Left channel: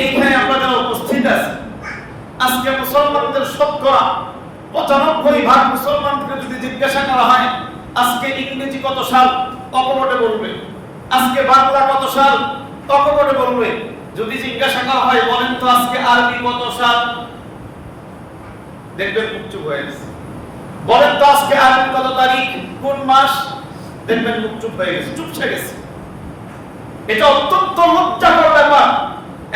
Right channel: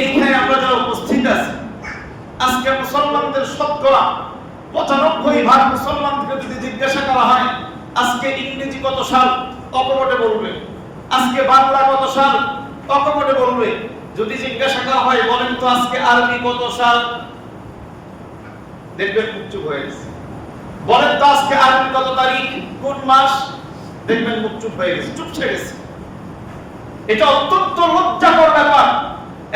এইখানে আমরা যারা উপস্থিত আছি, আজকে মুসলমানদের শতকরা 95% মুসলমানকে যদি জিজ্ঞাসা করা হয় আজকে ইংরেজি কত সাল, অকপটে বলবে। আজকে বাংলা কত সাল, অকপটে বলবে। যদি জিজ্ঞাসা করা হয় বলেন তো আজকে আরবি কত সাল, দেখবেন মুখ চুপ হয়ে গেছে। বলেন তো আজকে আরবি কত তারিখ, কোন মাস, দেখবেন মুখ চুপ হয়ে গেছে, চুপসে গেছে। এটা অত্যন্ত লজ্জাকর ব্যাপার।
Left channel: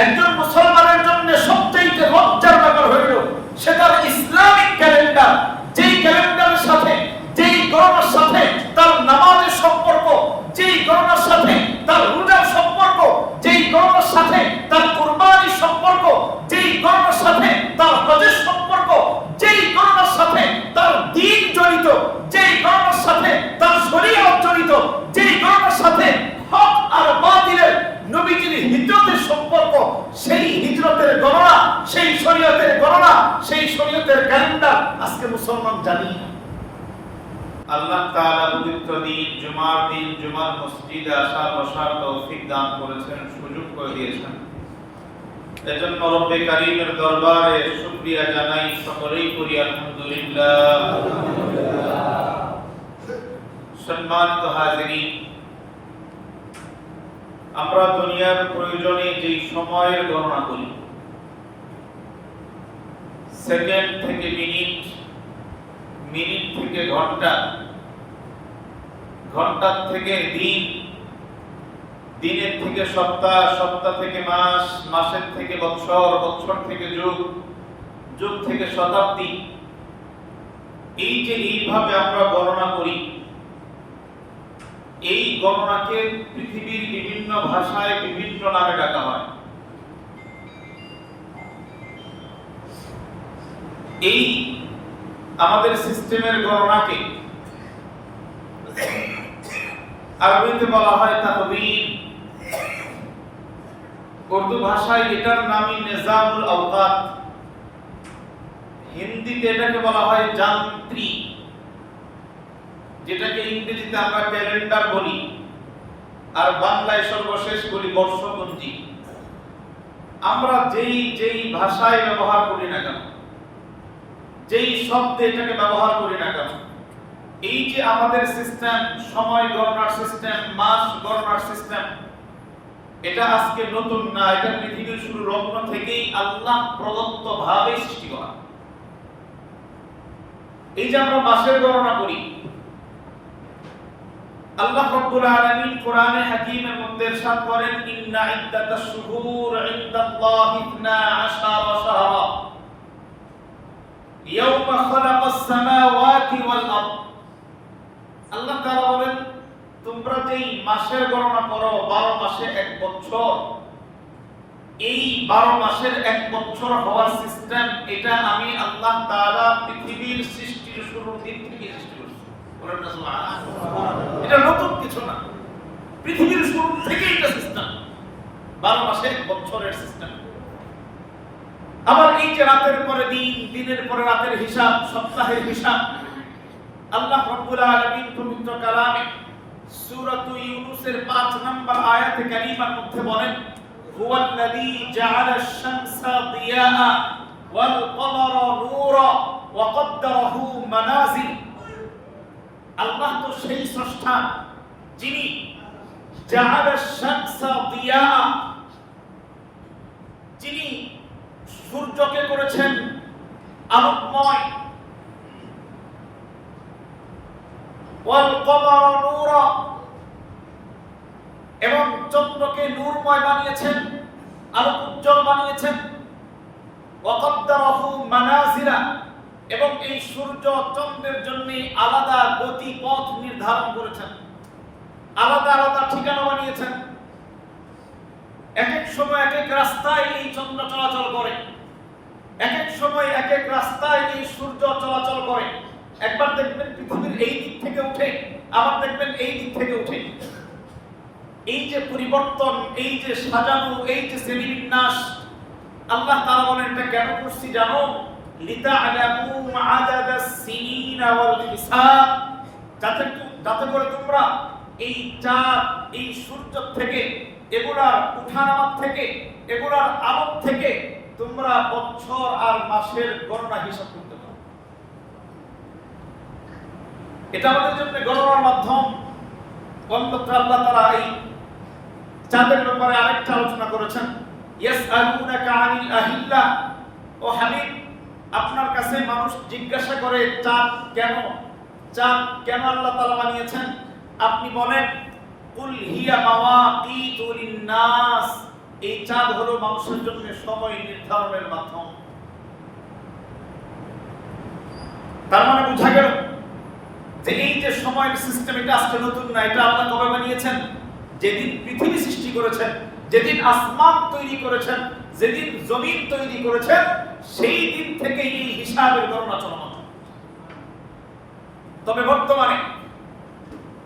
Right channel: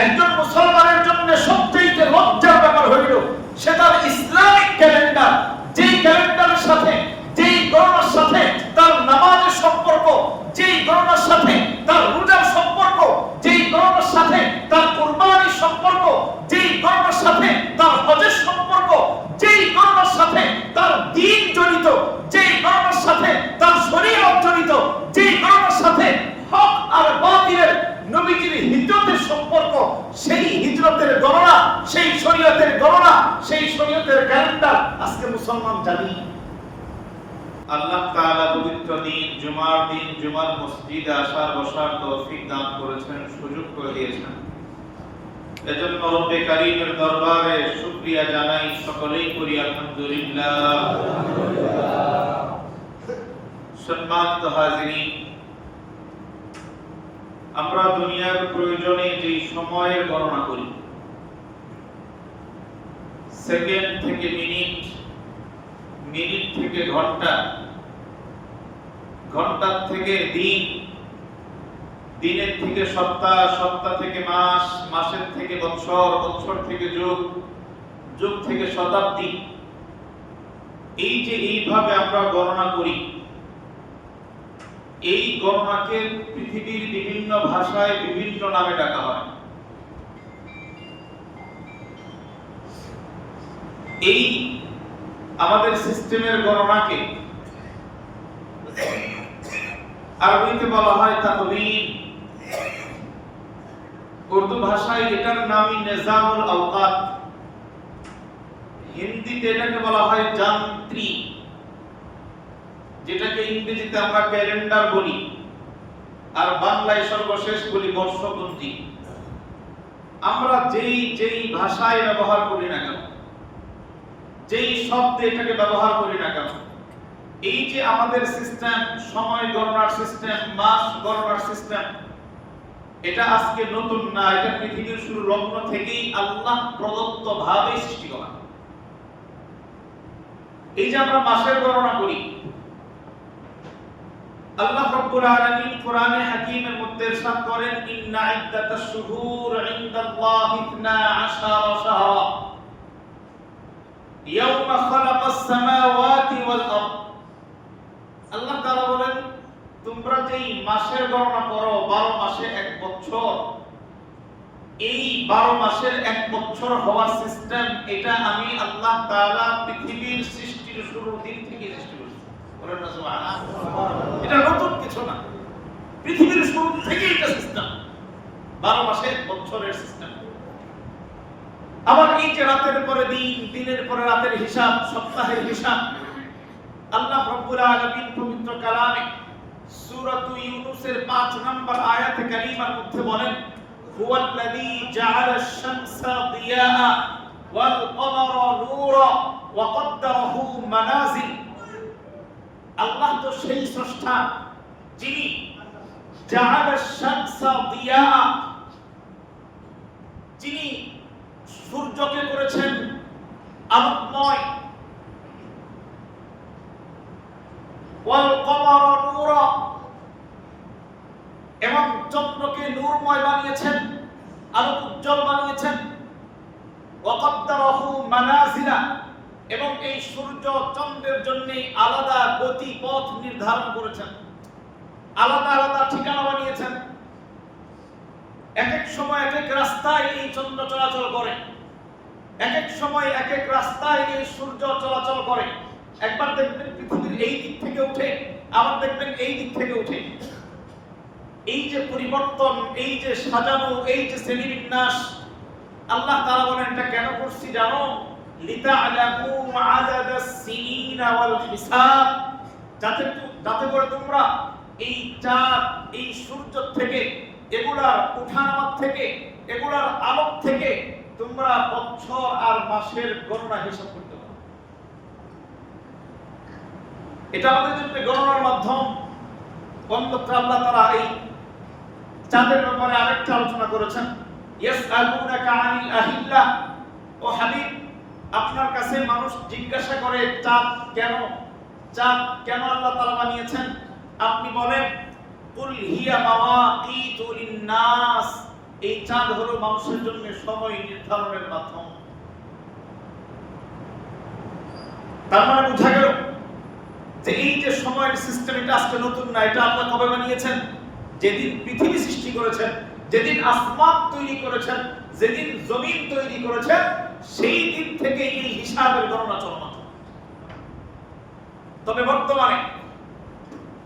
একজন মুসলমানের জন্য সবচেয়ে লজ্জার ব্যাপার হইল সে তার ইসলামিক ক্যালেন্ডার, যেই ক্যালেন্ডারের সাথে, যেই গণনার সাথে তার নামাজের সম্পর্ক, যেই গণনার সাথে তার রোজার সম্পর্ক, যেই গণনার সাথে তার কুরবানির সম্পর্ক, যেই গণনার সাথে তার হজের সম্পর্ক, যেই গণনার সাথে তার দ্বীন জড়িত, যেই গণনার সাথে তার শরীয়ত জড়িত, যেই গণনার সাথে হক আর বাতিলের নবীজির হিজরতের সম্পর্ক, সেই হিজরতের গণনা, সেই শরীয়তের গণনা, সেই শরীয়তের ক্যালেন্ডার আজকে মুসলমান জানি। আল্লাহ তাআলা পবিত্র দিন জুমার দিন জুমার মসজিদে আসার বসার তৌফিক দান করেছেন, সুযোগ করে দিয়েছেন। এজন্য রব্বে কারীমের দরবারে শুকরিয়া জানাই, সকলেই করি আলহামদুলিল্লাহ। সম্মানিত হাজিরিন, আমরা দুনিয়ার প্রয়োজনে যে সময়ের গণনা করি, সেকেন্ড থেকে মিনিট, মিনিট থেকে ঘন্টা, ঘন্টার থেকে দিন, দিনের থেকে সপ্তাহ, সপ্তাহ থেকে মাস, মাসের থেকে বৎসর, বৎসর থেকে যুগ, যুগ থেকে শতাব্দী, এই যে এইভাবে আমরা গণনা করি, এই গণনাকে পৃথিবীর বিভিন্ন ভাষায় বিভিন্ন নামে ডাকা হয়। এই আমাদের সিস্টেমের গণনাকে আরবিতে বলা হয় তাকবীর, উর্দু ভাষায় এটার নামই নিজামুল আওকাত, হিন্দিতে এটাকে বলা হয় যান্ত্রিক, যেটাকে ইংরেজিতে আমরা ক্যালেন্ডার বলি, আর বাংলায় সর্বশেষ বলি বর্ষপঞ্জি। আমরা যেই যেই ভাষায় ব্যবহার করি না কেন, যেই শব্দে এটাকে ব্যবহার করি না কেন, এই যে আমাদের সিস্টেম, সময় গণনার সিস্টেম, মাস গণনার সিস্টেম, এটা আজকে নতুন না। এটা পৃথিবীর শুরু লগ্ন থেকেই আল্লাহ প্রদত্ত ভাবে সৃষ্টি করা। এই যে আমরা মাসের গণনা করি, আল্লাহ রাব্বুল আলামিন কোরআনে হাকীমের মধ্যে ইরশাদ করেন, ইন্না ইদ্দাতাশ শুহুর ইনদাল্লাহি 12 শাহরা ইয়াওমা খালাকাস সামাওয়াতি ওয়াল আরদ। আল্লাহ তাআলা বলেন, তোমরা যেই মাসের গণনা করো 12 মাসে এক বছর, এই 12 মাসের এক বছর হওয়ার সিস্টেম, এটা আমি আল্লাহ তাআলা পৃথিবীর সৃষ্টির শুরুর দিন থেকে সৃষ্টি করেছি। বলেন না সুবহানাল্লাহ। এটা নতুন কিছু না, পৃথিবীর শুরু থেকেই এটা সিস্টেম, 12 মাসে এক বছরের সিস্টেম। আবার এই যে রাতের পরে দিন, দিনের পরে রাতের হিসাব, সপ্তাহের হিসাব, আল্লাহ রাব্বুল আলামিন পবিত্র কালামে সূরাত ইউনূসের 5 নম্বর আয়াতে কারীমার মধ্যে বলেন, হুয়াল্লাযী জাআলাশ শামসা দিয়াআ ওয়াল কমারা নূরা ওয়া কদ্দারাহু মানাজিল। আল্লাহ তো সেই স্রষ্টা যিনি জাআলাশ শামসা দিয়াআ, যিনি সূর্যকে করেছেন আলোকময়, ওয়াল কমারা নূরা, এবং চন্দ্রকে নূরময় বানিয়েছেন, আলোক উজ্জ্বল বানিয়েছেন, ওয়া কদ্দারাহু মানাজিলা, এবং এই সূর্য চন্দ্রের জন্য আলাদা গতি পথ নির্ধারণ করেছেন, আলাদা আলাদা ঠিকানা বানিয়েছেন। এক এক সময় এক এক রাস্তায় এই চন্দ্র চলাচল করে, এক এক সময় এক এক রাস্তায় এই সূর্য চলাচল করে। একবার দেখবেন পৃথিবীর এই দিক থেকে উঠে, আবার দেখবেন এই দিক থেকে উঠে। এই যে পরিবর্তন, এই যে সাজানো, এই যে শ্রেণীবিন্যাস, আল্লাহ তাআলা বলেন এটা কেন করছি জানো? লিতা'লামু আদাদাস সিনিনা ওয়াল হিসাব, যাতে করে তোমরা এই চাঁদ, এই সূর্য থেকে, এগুলার উঠানামা থেকে, এগুলার আলোক থেকে তোমরা বছর আর মাসের গণনা হিসাব করতে পারো। এটা আমাদের জন্য গণনার মাধ্যম। অন্যত্র আল্লাহ তাআলা এই চাঁদের ব্যাপারে আরেকটা আলোচনা করেছেন, ইয়াসআলুনাকা আনিল আহিল্লা, ও হাবিব আপনার কাছে মানুষ জিজ্ঞাসা করে চাঁদ কেন আল্লাহ তাআলা বানিয়েছেন, আপনি বলেন কুল হিয়া মাওয়াকিতু লিন-নাস, এই চাঁদ হলো মানুষের জন্য সময় নির্ধারণের মাধ্যম। তার মানে বোঝা গেল যে এই যে সময়ের সিস্টেম, এটা আজকে নতুন না। এটা আল্লাহ কবে বানিয়েছেন? যেদিন পৃথিবী সৃষ্টি করেছেন, যেদিন আসমান তৈরি করেছেন, যেদিন জমিন তৈরি করেছেন, সেই দিন থেকে এই হিসাবের গণনা চলমান। তবে বর্তমানে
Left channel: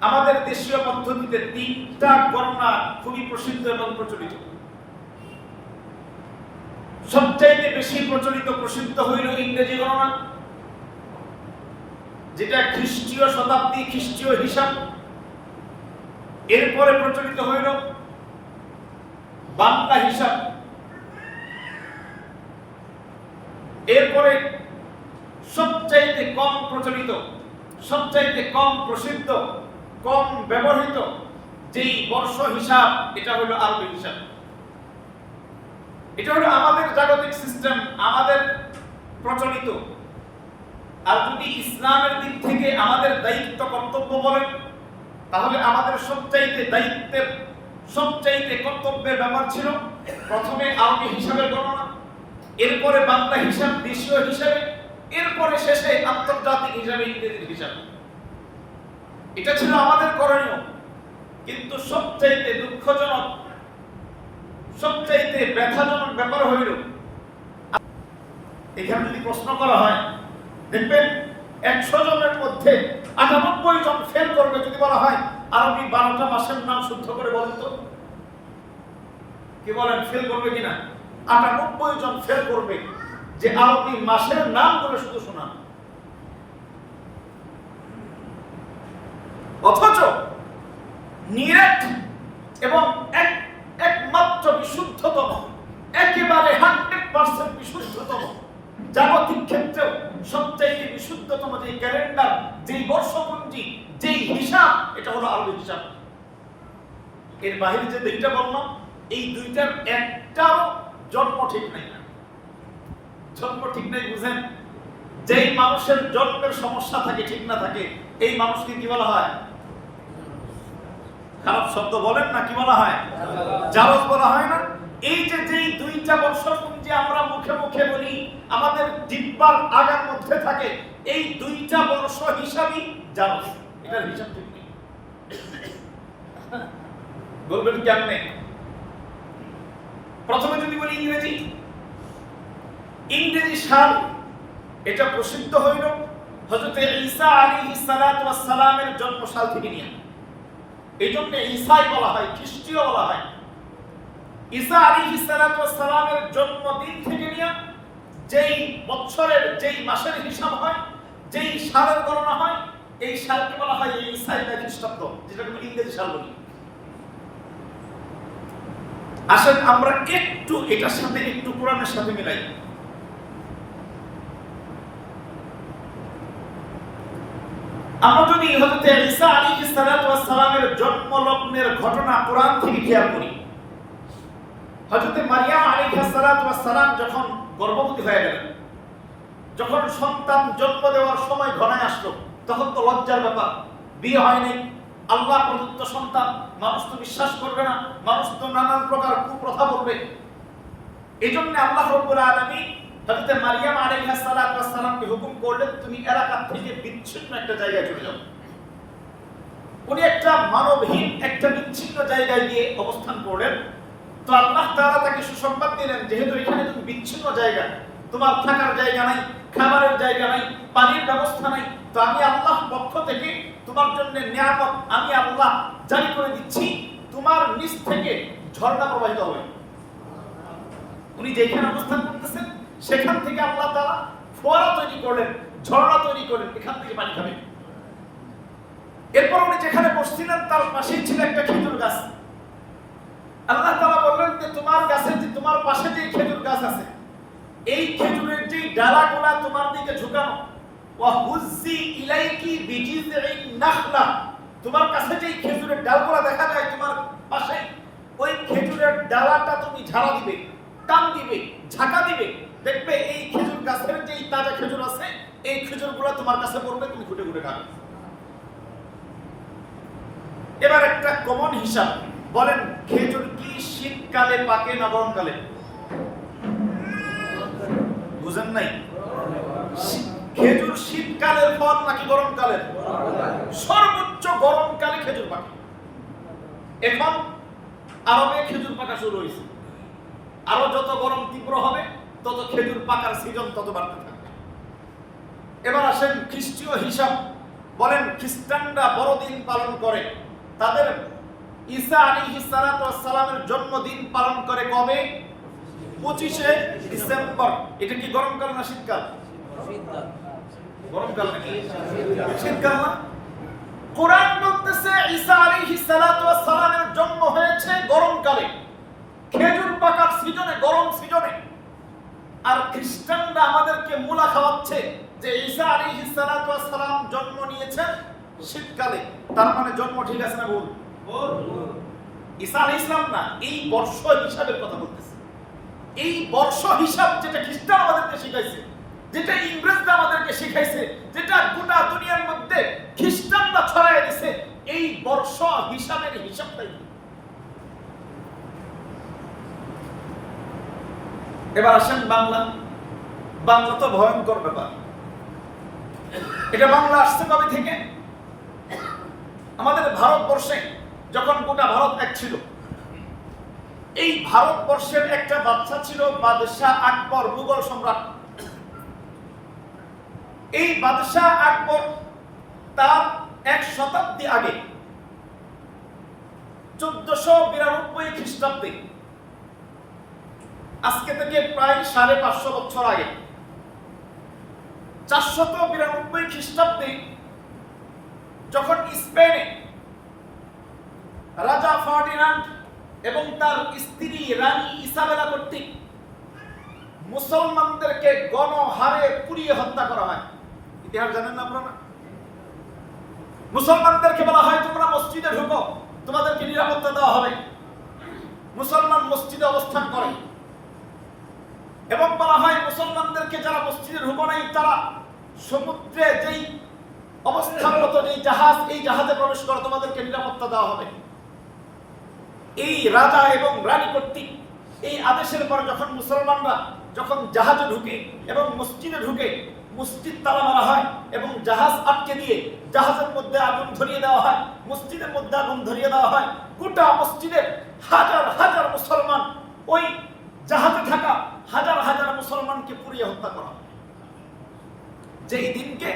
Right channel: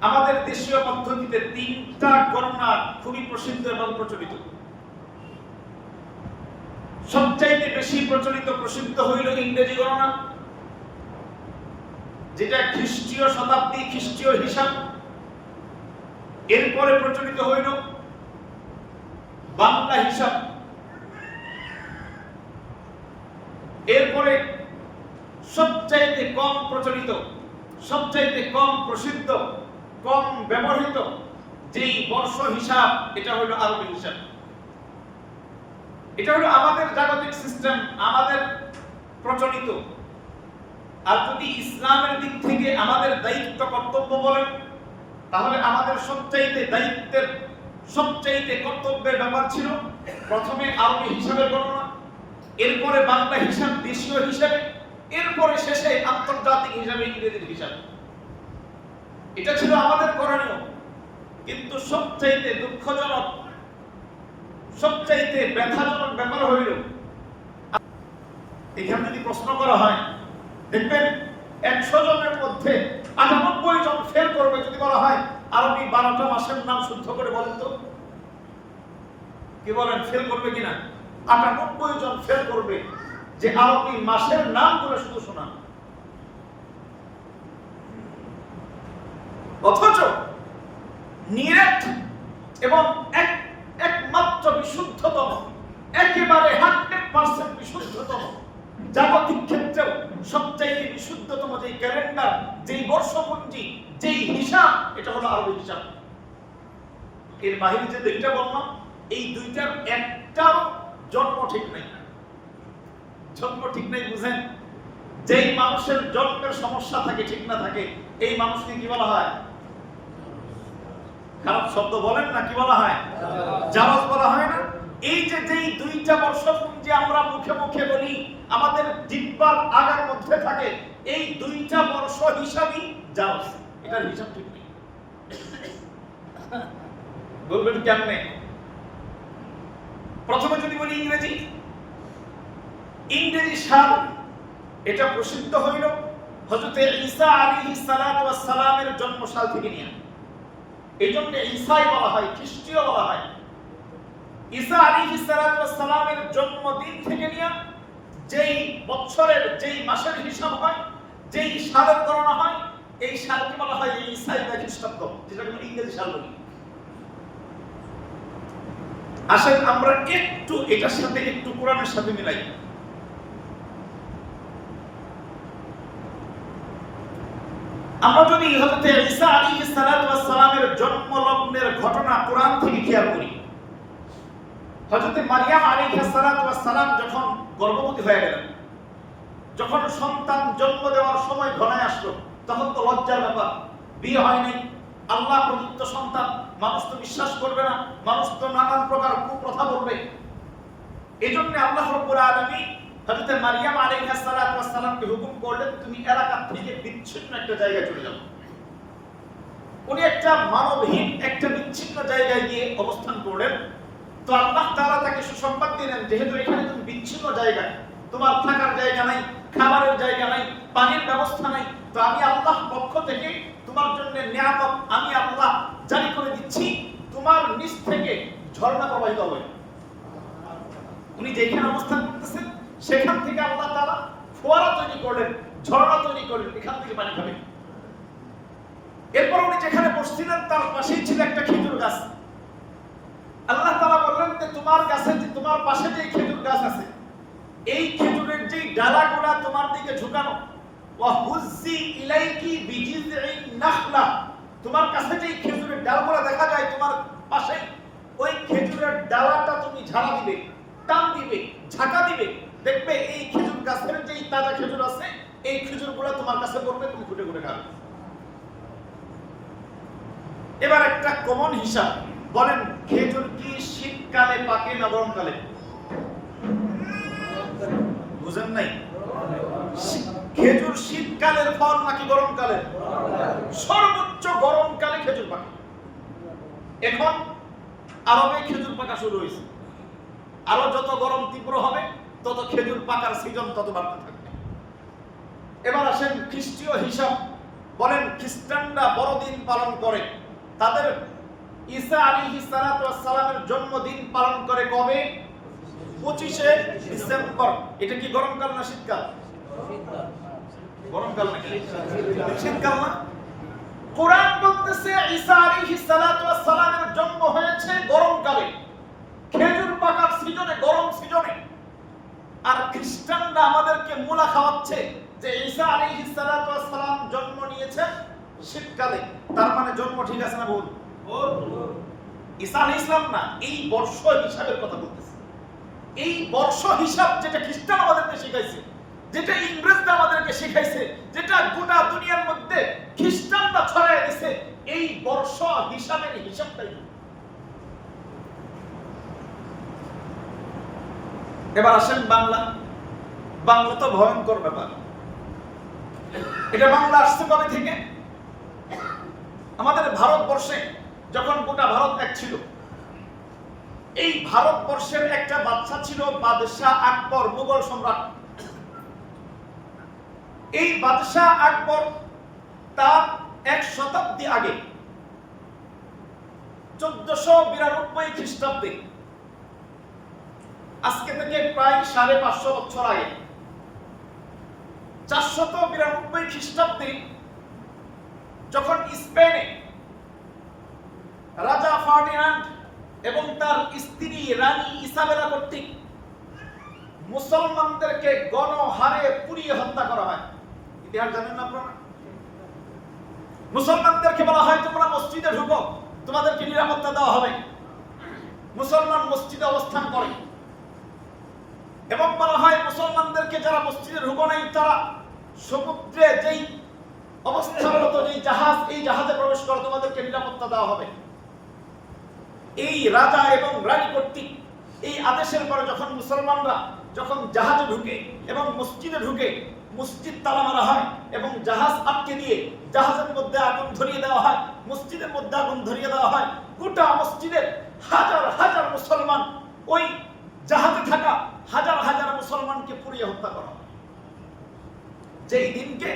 আমাদের দেশীয় পদ্ধতিতে 3টা গণনা খুবই প্রসিদ্ধ এবং প্রচলিত। সবচাইতে বেশি প্রসিদ্ধ হইল ইংরেজি গণনা, যেটা খ্রিস্টীয় শতাব্দী, খ্রিস্টীয় হিসাব। এরপরে প্রচলিত হইল বাংলা হিসাব। এরপরে সবচাইতে কম প্রচলিত, সবচাইতে কম প্রসিদ্ধ, কম ব্যবহৃত যেই বর্ষ হিসাব, এটা হইল আরবি হিসাব। এটা হলো আমাদের জাগতিক সিস্টেম, আমাদের প্রচলিত। আর যদি ইসলামের দিক থেকে আমাদের দায়িত্ব কর্তব্য বলেন, তাহলে আমাদের সবচাইতে কর্তব্যের ব্যাপার ছিল প্রথমে আরবি হিসাবের গণনা, এরপরে বাংলা হিসাব, দেশীয় হিসাবে, এরপরে শেষে আন্তর্জাতিক হিসাবে ইংরেজির হিসাব। এটা ছিল আমাদের করণীয়। কিন্তু সবচাইতে দুঃখজনক, সবচাইতে ব্যথাজনক ব্যাপার হইল, এখানে যদি প্রশ্ন করা হয়, দেখবেন 100 জনের মধ্যে 98 জন ফেল করবে। যদি বলা হয় আরবি 12টা মাসের নাম শুদ্ধ করে বলেন তো, কি বলেন, ফেল করবে কিনা? 98 জন ফেল করবে যে আরবি মাসের নাম করে শুধু শোনা। অথচ নিরেট এবং একমাত্র বিশুদ্ধতম, একেবারে 100% বিশুদ্ধতম, জাগতিক ক্ষেত্রেও সবচাইতে বিশুদ্ধতম যে ক্যালেন্ডার, যেই বর্ষপঞ্জি, যেই হিসাব, এটা হলো আরবি হিসাব। এর বাইরে যে 2টা বললাম, এই 2টার একটাও জন্ম ঠিক নাই। জন্ম ঠিক নাই বুঝেন? যেই মানুষের জন্মের সমস্যা থাকে, ঠিক না থাকে, এই মানুষকে কি বলা হয়? খারাপ শব্দ বলেন না, কি বলা হয়? জারজ বলা হয় না? এই যে যেই 2টা বর্ষপঞ্জি আমরা মুখে মুখে বলি, আমাদের জিহ্বার আগার মধ্যে থাকে, এই 2টা বর্ষ হিসাবই জারজ। এটার হিসাব ঠিক নেই। বলবেন কেমনে? প্রথমে যদি বলি ইংরেজি সাল, এটা প্রসিদ্ধ হইল হযরত ঈসা আলাইহিস সালাতু ওয়াস সালামের জন্মসাল থেকে নিয়ে। এই জন্য ঈসাই বলা হয়, খ্রিস্টীয় বলা হয়। ঈসা আলাইহিস সালাতু ওয়াস সালামের জন্মদিন থেকে নিয়ে যেই বছরের, যেই মাসের হিসাব হয়, যেই সালের গণনা হয়, এই সালকে বলা হয় ঈসাই বা খ্রিস্টাব্দ, যেটা কোনো ইংরেজি সাল বলি। আসেন আমরা একটু এটার সাথে একটু কোরআনের সাথে মিলাই। আমরা যদি হযরত ঈসা আলাইহিস সালাতু ওয়াস সালামের জন্ম লগ্নের ঘটনা কোরআন থেকে খেয়াল করি, হযরত মারিয়াম আলাইহিস সালাতু ওয়াস সালাম যখন গর্ভবতী হয়ে গেলেন, যখন সন্তান জন্ম দেওয়ার সময় ঘনায় আসলো, তখন তো লজ্জার ব্যাপার, বিয়ে হয়নি, আল্লাহ প্রদত্ত সন্তান, মানুষ তো বিশ্বাস করবে না, মানুষ তো নানান প্রকার কুপ্রথা বলবে। এজন্য আল্লাহ রাব্বুল আলামিন হযরত মারিয়াম আলাইহিস সালাতু ওয়াস সালামকে হুকুম করলেন, তুমি এলাকা থেকে বিচ্ছিন্ন একটা জায়গায় চলে যাও। উনি একটা মানবহীন, একটা বিচ্ছিন্ন জায়গায় গিয়ে অবস্থান করলেন। তো আল্লাহ তাআলা তাকে সুসংবাদ দিলেন, যেহেতু এখানে তুমি বিচ্ছিন্ন জায়গা, তোমার থাকার জায়গা নাই, খাবারের জায়গা নাই, পানির ব্যবস্থা নাই, তো আমি আল্লাহ পক্ষ থেকে তোমার জন্য নিয়ামত আমি আল্লাহ জারি করে দিচ্ছি, তোমার নিচ থেকে ঝর্ণা প্রবাহিত হবে। উনি যেখানে অবস্থান করতেছেন সেখান থেকে আল্লাহ তাআলা ফোয়ারা তৈরি করলেন, ঝর্ণা তৈরি করলেন, এখান থেকে পানি খাবে। এরপর উনি যেখানে বসছিলেন তার পাশেই ছিল একটা খেজুর গাছ। আল্লাহ তাআলা বললেন যে তোমার গাছে যে তোমার পাশে যে খেজুর গাছ আছে, এই খেজুরের যে ডালাগুলা তোমার দিকে ঝুঁকানো, ওয়া হুজ্জি ইলাইকি বিজিযিন নাখলা, তোমার কাছে যে খেজুরের ডালগুলা দেখা যায় তোমার পাশে, ওই খেজুরের ডালাটা তুমি ঝাড়া দিবে, টান দিবে, ঝাঁকা দিবে, দেখবে এই খেজুর গাছের যে তাজা খেজুর আছে, এই খেজুরগুলো তোমার কাছে পড়বে, তুমি খুঁটে খুঁটে খাবে। এবার একটা কমন হিসাব বলেন, খেজুর কি শীতকালে পাকে না গরমকালে? বুঝেন নাই? খেজুর শীতকালের ফল নাকি গরমকালের? সর্বোচ্চ গরমকালে খেজুর পাকে। এখন আরবে খেজুর পাকা শুরু হয়েছে, আরো যত গরম তীব্র হবে তত খেজুর পাকার সিজন তত বাড়তে থাকবে। এবার আসেন খ্রিস্টীয় হিসাব, বলেন খ্রিস্টানরা বড়দিন পালন করে, তাদের ঈসা আলাইহিস সালাতু ওয়াস সালামের জন্মদিন পালন করে কবে? 25শে ডিসেম্বর। এটা কি গরমকাল না শীতকাল? গরমকাল নাকি শীতকাল না? কোরআন বলতেছে ঈসা আলাইহিস সালাতু ওয়াস সালামের জন্ম হয়েছে গরমকালে, খেজুর পাকার সিজনে, গরম সিজনে। আর খ্রিস্টানরা আমাদেরকে মুলা খাওয়াচ্ছে যে ঈসা আলাইহিস সালাতু ওয়াস সালাম জন্ম নিয়েছেন শীতকালে। তার মানে জন্ম ঠিক আছে না ভুল? ঈসা আলাইহিস সালাম না, এই বর্ষ হিসাবের কথা বলতেছে। এই বর্ষ হিসাব যেটা খ্রিস্টান আমাদেরকে শিখাইছে, যেটা ইংরেজরা আমাদেরকে শিখাইছে, যেটা গোটা দুনিয়ার মধ্যে খ্রিস্টানরা ছড়াইয়া দিছে, এই বর্ষ হিসাবের হিসাবটাই। এবার আসেন বাংলা। বাংলা তো ভয়ঙ্কর ব্যাপার। এটা বাংলা আসছে কবে থেকে? আমাদের ভারতবর্ষে যখন গোটা ভারত এক ছিল, এই ভারতবর্ষের একটা বাদশা ছিল বাদশাহ আকবর, মুঘল সম্রাট। এই বাদশাহ আকবর তার 1 শতাব্দী আগে 1492 খ্রিস্টাব্দে, আজকে থেকে প্রায় 550 বছর আগে, 492 খ্রিস্টাব্দে যখন স্পেনে রাজা ফার্ডিনান্ড এবং তার স্ত্রী রানী ইসাবেলা কর্তৃক মুসলমানদেরকে গণহারে পুড়িয়ে হত্যা করা হয়। ইতিহাস জানেন না আপনারা? মুসলমানদেরকে বলা হয় তোমরা মসজিদে ঢুকো, তোমাদেরকে নিরাপত্তা দেওয়া হবে। মুসলমান মসজিদে অবস্থান করে এবং বলা হয় মুসলমানদেরকে যারা মসজিদে ঢুকো নাই তারা সমুদ্রে যেই অবস্থানরত যেই জাহাজ, এই জাহাজে প্রবেশ করো, তোমাদেরকে নিরাপত্তা দেওয়া হবে। এই রাজা এবং রানী কর্তৃক এই আদেশের পরে যখন মুসলমানরা যখন জাহাজে ঢুকে এবং মসজিদে ঢুকে, মসজিদ তালা মারা হয় এবং জাহাজ আটকে দিয়ে জাহাজের মধ্যে আগুন ধরিয়ে দেওয়া হয়, মসজিদের মধ্যে আগুন ধরিয়ে দেওয়া হয়। গোটা মসজিদের হাজার হাজার মুসলমান, ওই জাহাজে থাকা হাজার হাজার মুসলমানকে পুড়িয়ে হত্যা করা হয়। যেই দিনকে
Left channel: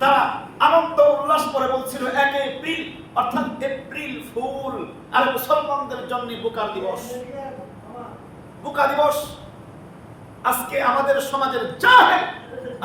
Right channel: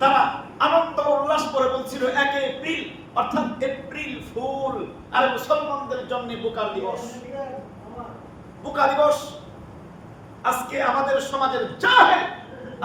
তারা আনন্দ উল্লাস করে বলছিল 1 এপ্রিল, অর্থাৎ এপ্রিল ফুল, আর মুসলমানদের জন্য বোকা দিবস। বোকা দিবস। আজকে আমাদের সমাজের জাহেল,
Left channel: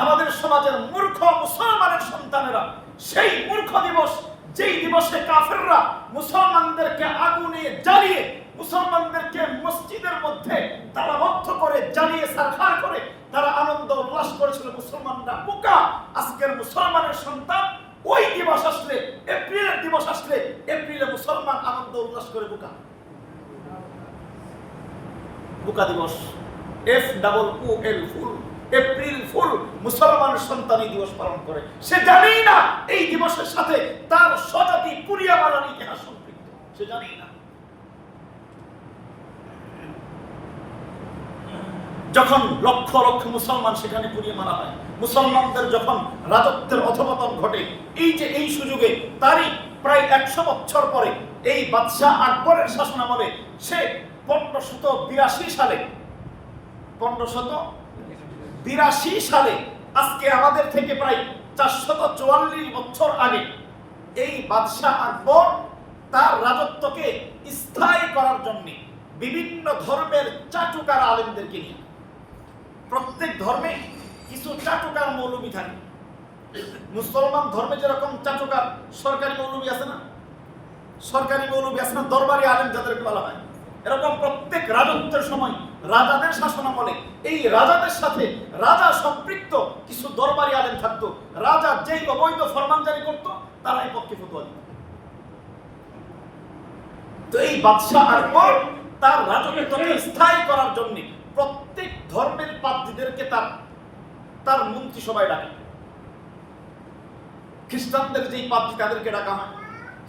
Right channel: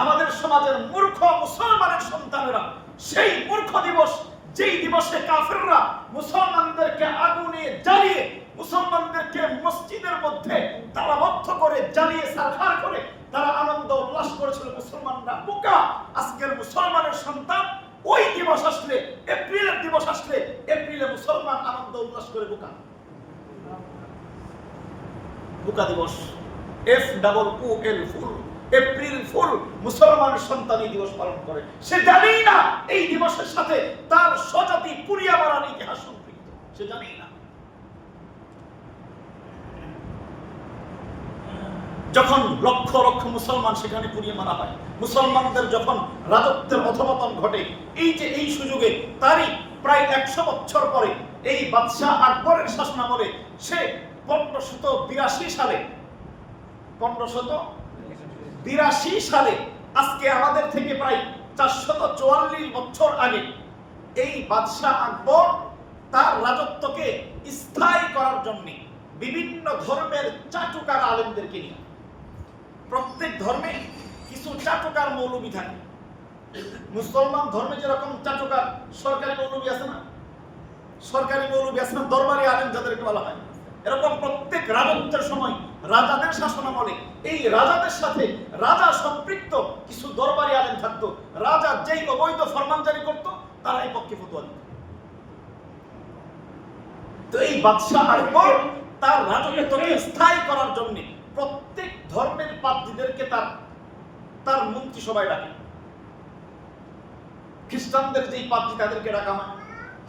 আমাদের সমাজের মূর্খ মুসলমানের সন্তানেরা সেই মূর্খ দিবস, যেই দিবসে কাফেররা মুসলমানদেরকে আগুনে জ্বালিয়ে, মুসলমানদেরকে মসজিদের মধ্যে তালাবদ্ধ করে জ্বালিয়ে সারখার করে তারা আনন্দ উল্লাস করেছিল, মুসলমানরা বোকা। আজকের মুসলমানের সন্তান ওই দিবস আসলে, এপ্রিলের দিবস আসলে, এপ্রিলে মুসলমান আনন্দ উল্লাস করে বোকা। বোকা দিবস, FOOL, ফুল, এপ্রিল ফুল। মুসলমানের সন্তান এই দিবস পালন করে, সে জানেই না এই দিবসের সাথে তার স্বজাতি পুরিয়া মারার ইতিহাস সম্পৃক্ত, সে জানেই না। যখন লক্ষ লক্ষ মুসলমান সেখানে পুড়িয়ে মারা হয়, মুসলমানদের যখন রাজত্বের অধঃপতন ঘটে, এই যে এই সুযোগে তারই প্রায় 100 বছর পরে এই বাদশাহ আকবরের শাসনামলে সে 1582 সালে, আজকে আমাদের থেকে প্রায় 444 বছর আগে, এই বাদশাহ আকবর তার রাজত্বকে স্থায়ী করার জন্য বিভিন্ন ধর্মের চাটুকার আলেমদেরকে নিয়ে, প্রত্যেক ধর্মে কিছু চাটুকার মৌলবী থাকে। মুসলমান ধর্মে যেরকম চাটুকার সরকারি মৌলবী আছে না, সরকারি মৌলবী আছে না, দরবারি আলেম যাদেরকে বলা হয়, এরকম প্রত্যেক রাজত্বের সময় রাজাদের শাসনামলে এই রাজাদের সাথে রাজা সম্পৃক্ত কিছু দরবারি আলেম থাকতো। রাজা যেই অবৈধ ফরমান জারি করতো তারা এই পক্ষে ফতোয়া দিত। তো এই বাদশাহ আকবর তার রাজত্বকে স্থায়ী করার জন্য প্রত্যেক ধর্মের পাদ্রীদেরকে তার মন্ত্রিসভায় ডাকে। খ্রিস্টানদের যেই পাদ্রী তাদেরকে ডাকা হয়,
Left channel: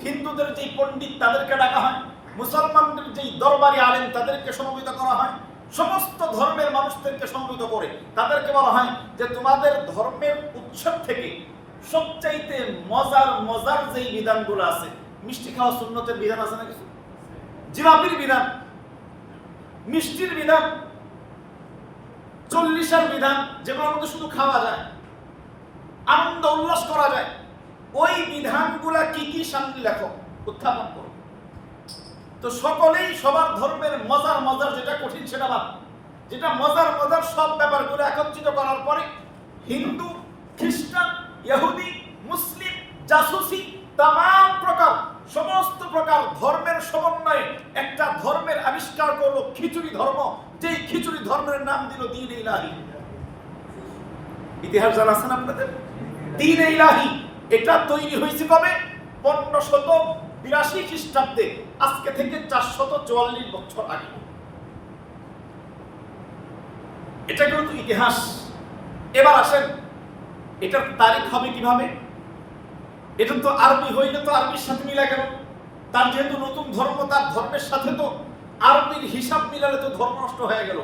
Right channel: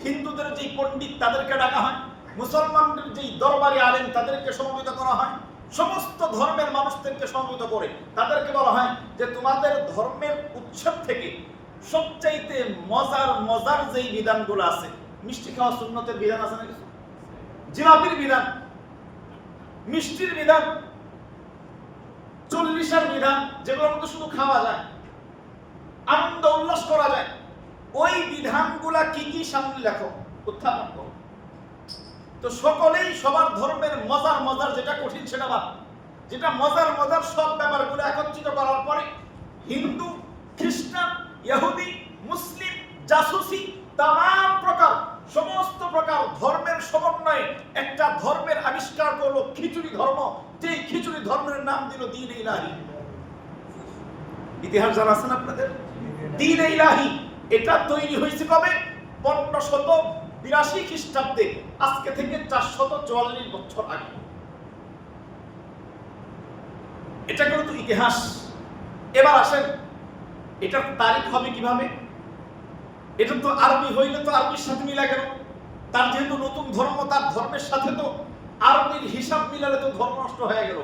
হিন্দুদের যেই পণ্ডিত তাদেরকে ডাকা হয়, মুসলমানদের যেই দরবারি আলেম তাদেরকে সমবেত করা হয়। সমস্ত ধর্মের মানুষদেরকে সমবেত করে তাদেরকে বলা হয় যে তোমাদের ধর্মের উৎসব থেকে সবচাইতে মজার যেই বিধানগুলো আছে, মিষ্টি খাওয়া সুন্নতের বিধান আছে না কিছু, জিলাপির বিধান, মিষ্টির বিধান, 40-এর বিধান, যেগুলোর মধ্যে শুধু খাওয়া যায়, আনন্দ উল্লাস করা যায়, ওই বিধানগুলা কি কি সামনে লেখো, উত্থাপন করো। তো সকলেই সবার ধর্মের মজার যেটা কঠিন সেটা বাদ, যেটা মজার সব ব্যাপারগুলো একত্রিত করার পরে হিন্দু, খ্রিস্টান, ইহুদি, মুসলিম, জাসুসি, তামাম প্রকার সমস্ত প্রকার ধর্মের সমন্বয়ে একটা ধর্মের আবিষ্কার করলো খিচুড়ি ধর্ম। যেই খিচুড়ি ধর্মের নাম দিল দ্বীন ইলাহি। ইতিহাস জানা আছেন আপনাদের? দ্বীন ইলাহি এটা তৈরি হয়েছে কবে? 1582 খ্রিস্টাব্দে, আজকে থেকে 444 বছর আগে। এটা কিন্তু ইতিহাস। এবার আসেন এটার তারিখ হবে কিভাবে? এটা তো আরবি হইলে তো আরবির সাথে মিলা গেল। তার যেহেতু নতুন ধর্ম, তার ধর্মের সাথে তো আরবির হিসাব মিলালে তো ধর্ম নষ্ট হয়ে গেল।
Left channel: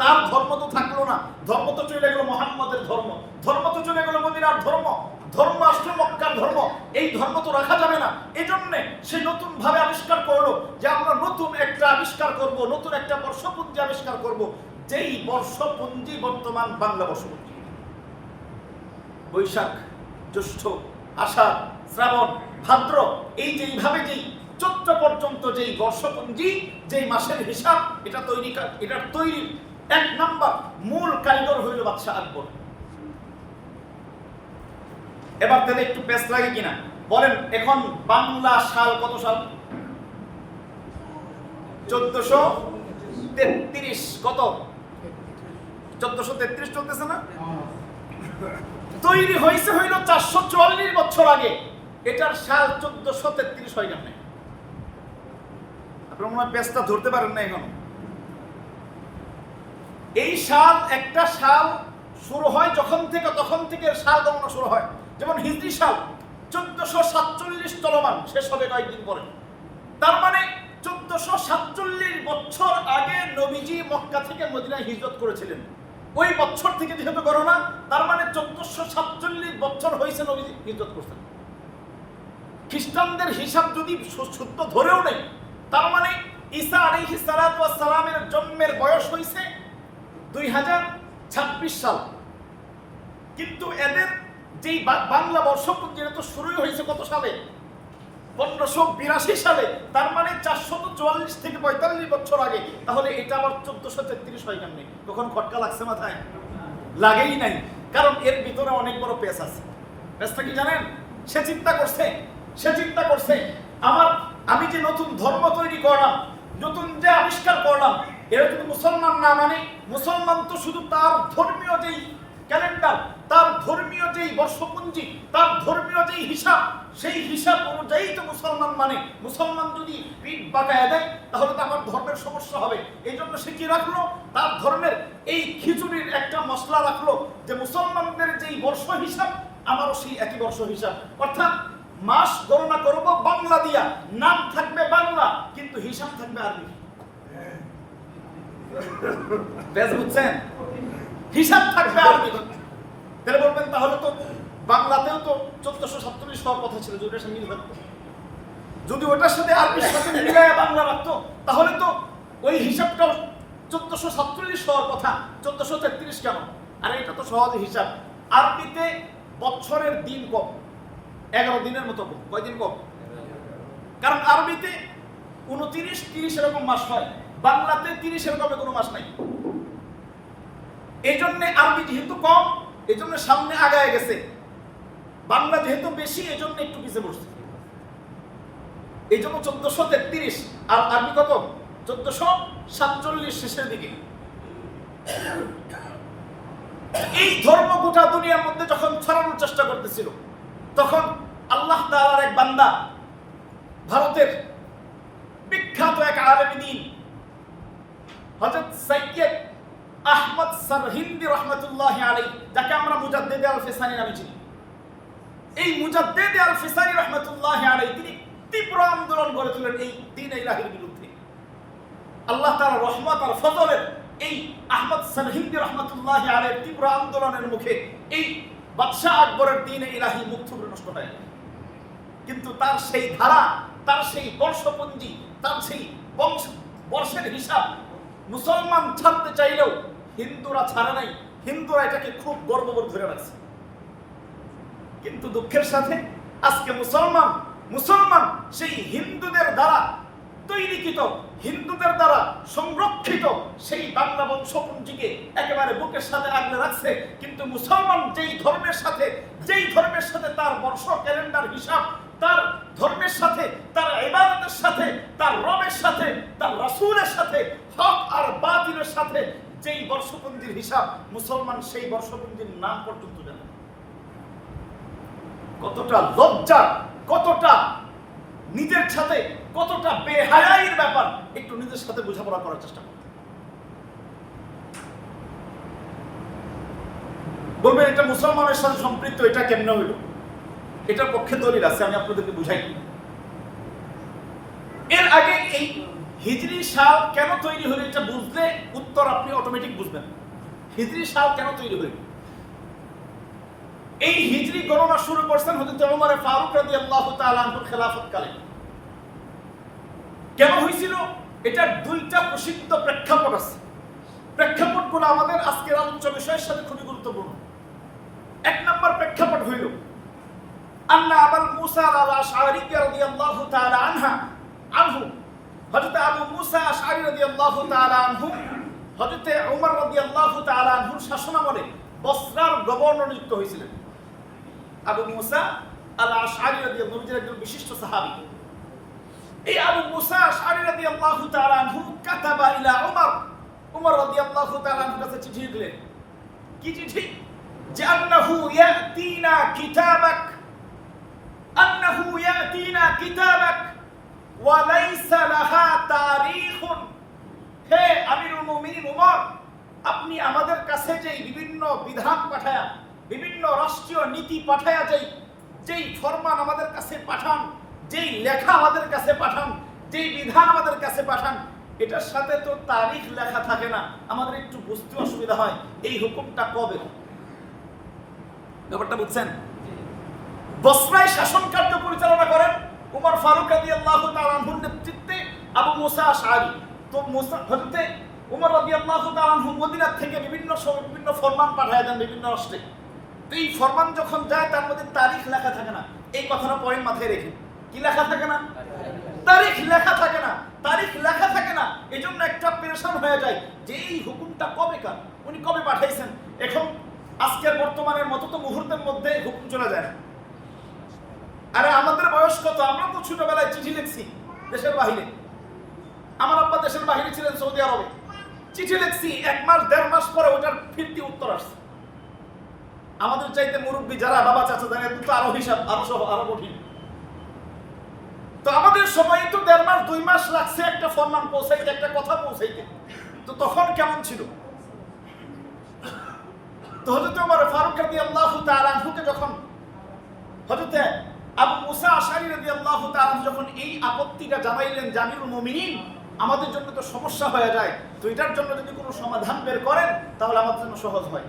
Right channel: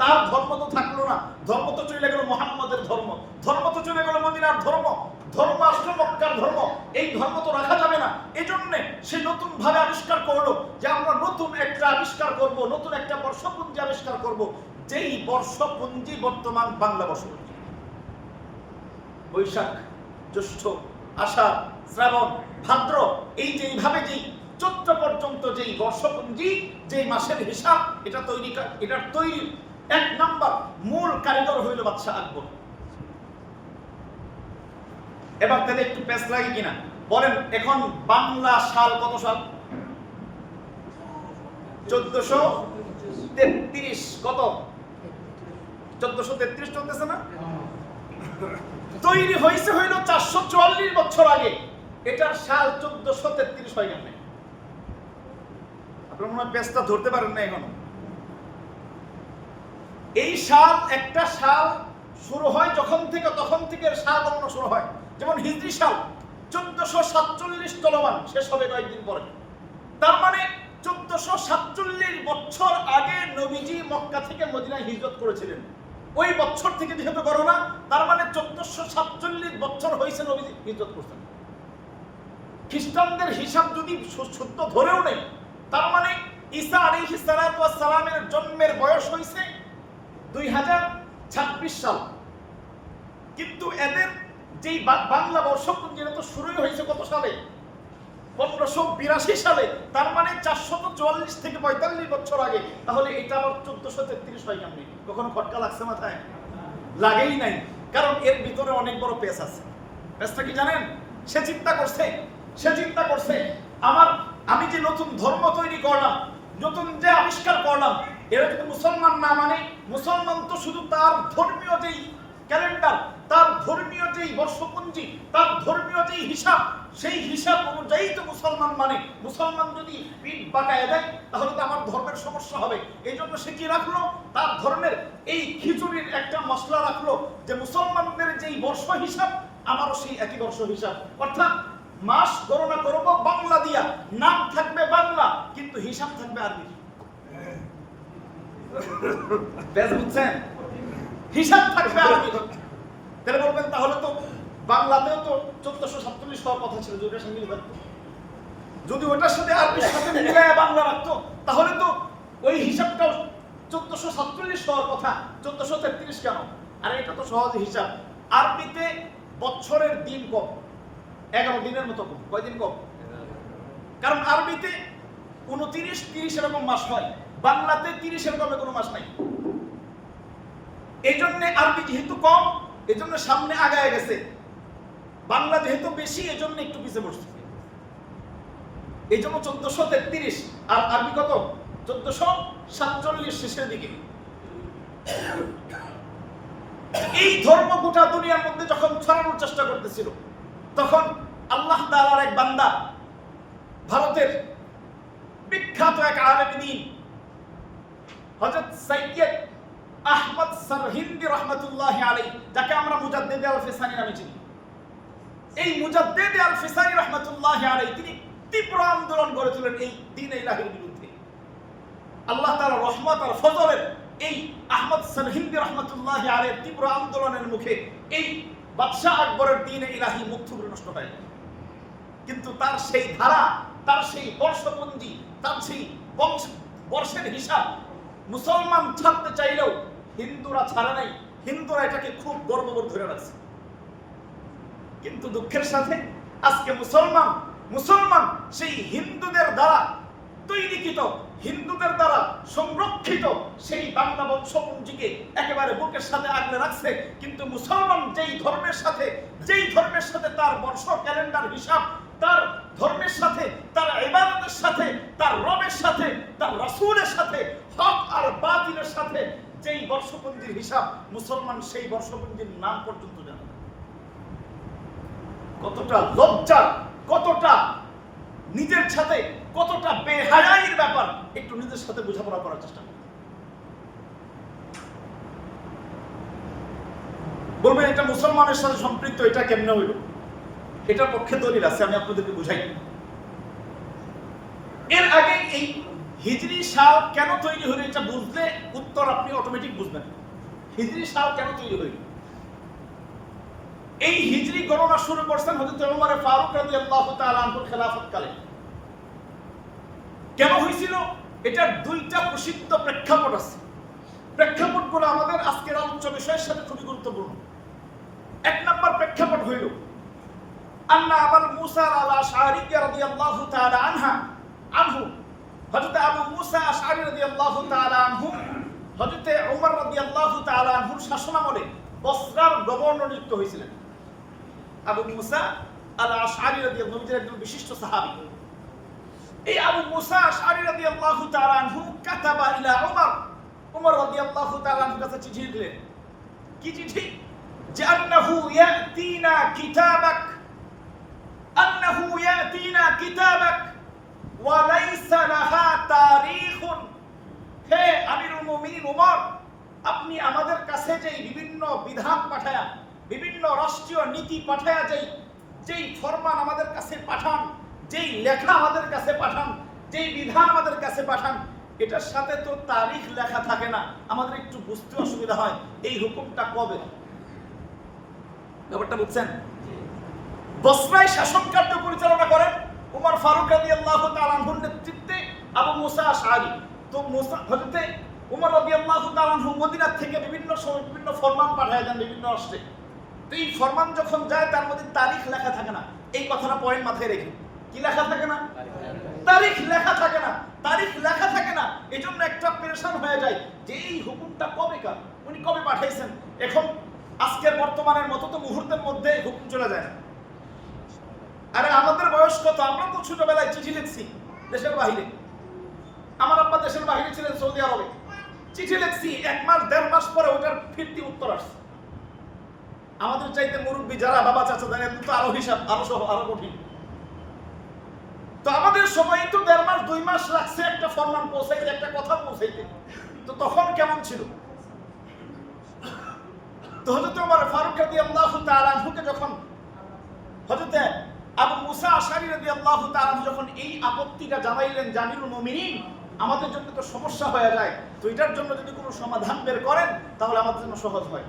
তার ধর্ম তো থাকলো না, ধর্ম তো চলে গেল মুহাম্মদের ধর্ম, ধর্ম তো চলে গেল মদিনার ধর্ম, ধর্ম আসলো মক্কার ধর্ম। এই ধর্ম তো রাখা যাবে না। এই জন্য সে নতুন ভাবে আবিষ্কার করলো যে আমরা নতুন একটা আবিষ্কার করব, নতুন একটা বর্ষপঞ্জি আবিষ্কার করব, যেই বর্ষপঞ্জি বর্তমান বাংলা বর্ষপঞ্জি। বৈশাখ, জ্যৈষ্ঠ, আষাঢ়, শ্রাবণ, ভাদ্র, এই যে এইভাবে যেই চৈত্র পর্যন্ত যেই বর্ষপঞ্জি, যেই মাসের হিসাব, এটার তৈরির 1 নাম্বার মূল কারিগর হইল বাদশাহ আকবর। এবার তাহলে একটু পেস লাগে কিনা বলেন? এখন বাংলা সাল কত সাল? 1433। কত? 1433 চলতেছে না? তৈরি হয়েছে হইল 444 বছর আগে। এটার সাল 1433 হয়ে গেল। আপনারা মনে হয় পেসটা ধরতে পারেন না এখন। এই সাল, একটা সাল শুরু হয় যখন থেকে, তখন থেকে সাল গণনা শুরু হয়। যেমন হিজরি সাল 1447 চলমান, শেষ হবে কয়েকদিন পরে। তার মানে 1447 বছর আগে নবীজি মক্কা থেকে মদিনায় হিজরত করেছিলেন। ওই বছর থেকে যেহেতু গণনা, তার মানে 1447 বছর হয়েছে নবীজি হিজরত করছেন। খ্রিস্টানদের হিসাব যদি শুদ্ধ ধরেও নেই, তার মানে ঈসা আলাইহিস সালাতু ওয়াস সালামের জন্মের বয়স হয়েছে 2026 সাল। কিন্তু এদের যেই বাংলা বর্ষপঞ্জি তো শুরুই হয়েছে কত সালে? 1582 সালে। তার মানে 444 থেকে 45 বছর আগে। তাহলে এটা আবার 1433 হয় কেমনি? কখন খটকা লাগছে মাথায়? লাগেই নাই। কারণ এর ভিতরে অনেক বড় পেস আছে। পেসটা কি জানেন? সে চিন্তা করছে আমি যে নতুন ধর্ম তৈরি করলাম, নতুন যে আবিষ্কার করলাম, এরা যদি মুসলমান না মানে, মুসলমান তো শুধু তার ধর্মীয় যেই ক্যালেন্ডার, তার ধর্মীয় যেই বর্ষপঞ্জি, তার ধর্মীয় যেই হিসাব, সেই হিসাব অনুযায়ী তো মুসলমান মানে। মুসলমান যদি পিঠ বাঁকায় দেয় তাহলে তো আমার ধর্মের সমস্যা হবে। এই জন্য সে কি রাখলো? তার ধর্মের এই খিচুড়ির একটা মশলা রাখলো যে মুসলমানদের যেই বর্ষ হিসাব, আমারও সেই একই বর্ষ হিসাব। অর্থাৎ মাস গণনা করব বাংলা দিয়া, নাম থাকবে বাংলা, কিন্তু হিসাব থাকবে আরবি। বেশ বুঝছেন? হিসাব থাকবে আরবি। তাহলে বলবেন তাহলে তো বাংলাতেও তো 1447 হওয়ার কথা ছিল, যদি ওটার সাথে মিল থাকতো, যদি ওটার সাথে আরবির সাথে মিলায় বাংলা রাখতো, তাহলে তো ওই হিসাবটাও 1447 হওয়ার কথা, 1433 কেন? আর এটা তো সহজ হিসাব। আরবিতে বছরের দিন কম, 11 দিনের মতো কম। কয়দিন কম? কারণ আরবিতে 29, 30 এরকম মাস হয়, বাংলাতে 30 এরকম কোনো মাস নাই। এই জন্য আরবি যেহেতু কম, এই জন্য সামনে আগায় গেছে। বাংলা যেহেতু বেশি, এই জন্য একটু পিছিয়ে পড়ছে। এই জন্য 1433। আর আরবি কত? 1447 শেষের দিকে। এই ধর্ম গোটা দুনিয়ার মধ্যে যখন ছড়ানোর চেষ্টা করতেছিল, তখন আল্লাহ তাআলার এক বান্দা, ভারতের বিখ্যাত এক আলেম দ্বীন হযরত সৈয়দ আহমদ সরহিন্দি রহমাতুল্লাহি আলাইহি, যাকে আমরা মুজাদ্দিদ আল-ফিসানি নামে চিনি, এই মুজাদ্দিদ আল-ফিসানি রহমাতুল্লাহি আলাইহি তিনি তীব্র আন্দোলন গড়ে তোলেন এই দ্বীন ইলাহির বিরুদ্ধে। আল্লাহ তাআলার রহমত আর ফজলের এই আহমদ সরহিন্দি রহমাতুল্লাহি আলাইহির তীব্র আন্দোলনের মুখে এই বাদশাহ আকবরের দ্বীন ইলাহি মুখ থুবড়ে নষ্ট হয়ে যায়। কিন্তু তার সেই ধারা, তার সেই বর্ষপঞ্জি, তার সেই বর্ষের হিসাব মুসলমান ছাড়তে চাইলেও হিন্দুরা ছাড়ে নাই। হিন্দুরা এটাকে খুব গর্ববোধ ধরে রাখছে। কিন্তু দুঃখের সাথে আজকে মুসলমান সেই হিন্দুদের দ্বারা তৈরিকৃত, হিন্দুদের দ্বারা সংরক্ষিত সেই বাংলা বংশপুঞ্জিকে একেবারে বুকের সাথে আগলে রাখছে। কিন্তু মুসলমান যেই ধর্মের সাথে তার বর্ষ ক্যালেন্ডার হিসাব, তার ধর্মের সাথে, তার ইবাদতের সাথে, তার রবের সাথে, তার রাসূলের সাথে, হক আর বাতিলের সাথে যেই বর্ষপঞ্জির হিসাব, মুসলমান সেই বর্ষপঞ্জির নাম পর্যন্ত জানে না। কতটা লজ্জার, কতটা নিজের সাথে কতটা বেহায়াইর ব্যাপার, একটু নিজের সাথে বোঝাপড়া করার চেষ্টা করুন। বলবেন এটা মুসলমানের সাথে সম্পৃক্ত, এটা কেমনে হইল? এটার পক্ষে দলিল আছে, আমি আপনাদেরকে বুঝাই। এর আগে এই হিজরি সাল কেন তৈরি হলো এটা বুঝলে উত্তর আপনি অটোমেটিক বুঝবেন। হিজরি সাল কেন তৈরি হইল? এই হিজরি গণনা শুরু করছেন হযরত ওমর ফারুক রাদিয়াল্লাহু তাআলা আনহুর খেলাফতকালে। কেন হয়েছিল? এটার দুইটা প্রসিদ্ধ প্রেক্ষাপট আছে। প্রেক্ষাপটগুলো আমাদের আজকের আলোচ্য বিষয়ের সাথে খুবই গুরুত্বপূর্ণ। এক নম্বর প্রেক্ষাপট হইল আন্না আবুল মুসা আল-আশআরী রাদিয়াল্লাহু তাআলা আনহু, হযরত আবু মুসা আশআরী রাদিয়াল্লাহু তাআলা আনহু হযরত ওমর রাদিয়াল্লাহু তাআলা আনহুর শাসনামলে বসরার গভর্নর নিযুক্ত হয়েছিলেন। আবু মুসা আল-আশআরী রাদিয়াল্লাহু তাআলা একজন বিশিষ্ট সাহাবী। এই আবু মুসা আশআরী রাদিয়াল্লাহু তাআলা আনহু কাতাবা ইলা ওমর রাদিয়াল্লাহু তাআলা আনহুর কাছে চিঠি লিখলেন। কি চিঠি? যে আন্নাহু ইয়াতিনা কিতাবাক ওয়া লাইসা লাহা তারিখুন। হে আমিরুল মুমিনিন ওমর, আপনি আমাদের কাছে যেই বিভিন্ন বিধান পাঠায়া, বিভিন্ন রাষ্ট্রীয় নীতি পাঠায়া, যেই ফরমান আমাদের কাছে পাঠান, যেই লেখা আমাদের কাছে পাঠান, যেই বিধান আমাদের কাছে পাঠান, এটার সাথে তো তারিখ লেখা থাকে না। আমাদের একটু বুঝতে অসুবিধা হয় এই হুকুমটা কবে। ব্যাপারটা বুঝছেন? বসরায় শাসন কার্য পরিচালনা করেন ওমর ফারুক রাদিয়াল্লাহু তাআলা আনহুর নেতৃত্বে আবু মুসা আশআরী। তো হযরত ওমর রাদিয়াল্লাহু তাআলা আনহু মদিনা থেকে বিভিন্ন ফরমান পাঠায় দেন বিভিন্ন রাষ্ট্রে। তো এই ফরমান যখন যায় তার মধ্যে তারিখ লেখা থাকে না। এই কথাটা পয়েন্ট মাথায় রেখে, কি লেখা থাকে না? তারিখ লেখা থাকে না। তারিখ লেখা থাকে না, এজন্য একটা পেরেশান হয়ে যায় যে এই হুকুমটা কবেকার, উনি কবে পাঠাইছেন। এখন আজকের বর্তমানের মতো তো মুহূর্তের মধ্যে হুকুম চলে যায় না। আরে আমাদের বয়স কত? আমরা তো ছোটবেলায় চিঠি লিখছি দেশের বাহিরে। আমার আব্বা দেশের বাহিরে ছিলেন, সৌদি আরবে। চিঠি লিখছি, 1 মাস 1.5 মাস পরে ওটার ফিরতি উত্তর আসছে। আমাদের চাইতে মুরব্বী যারা বাবা চাচা জানেন তো আরো হিসাব আরো কঠিন। তো আমাদের সময় তো 1.5 মাস 2 মাস লাগছে একটা ফরমান পৌঁছাইতে, একটা কথা পৌঁছাইতে। তো তখন কেমন ছিল? তো হযরত ওমর ফারুক রাদিয়াল্লাহু তাআলা আনহুকে যখন হযরত আবু মুসা আশআরী রাদিয়াল্লাহু তাআলা যখন এই আপত্তিটা জানাইলেন, আমিরুল মুমিনিন, আমাদের জন্য তো সমস্যা হয়ে যায়, তো এটার জন্য যদি কোনো সমাধান বের করেন তাহলে আমাদের জন্য সহজ হয়।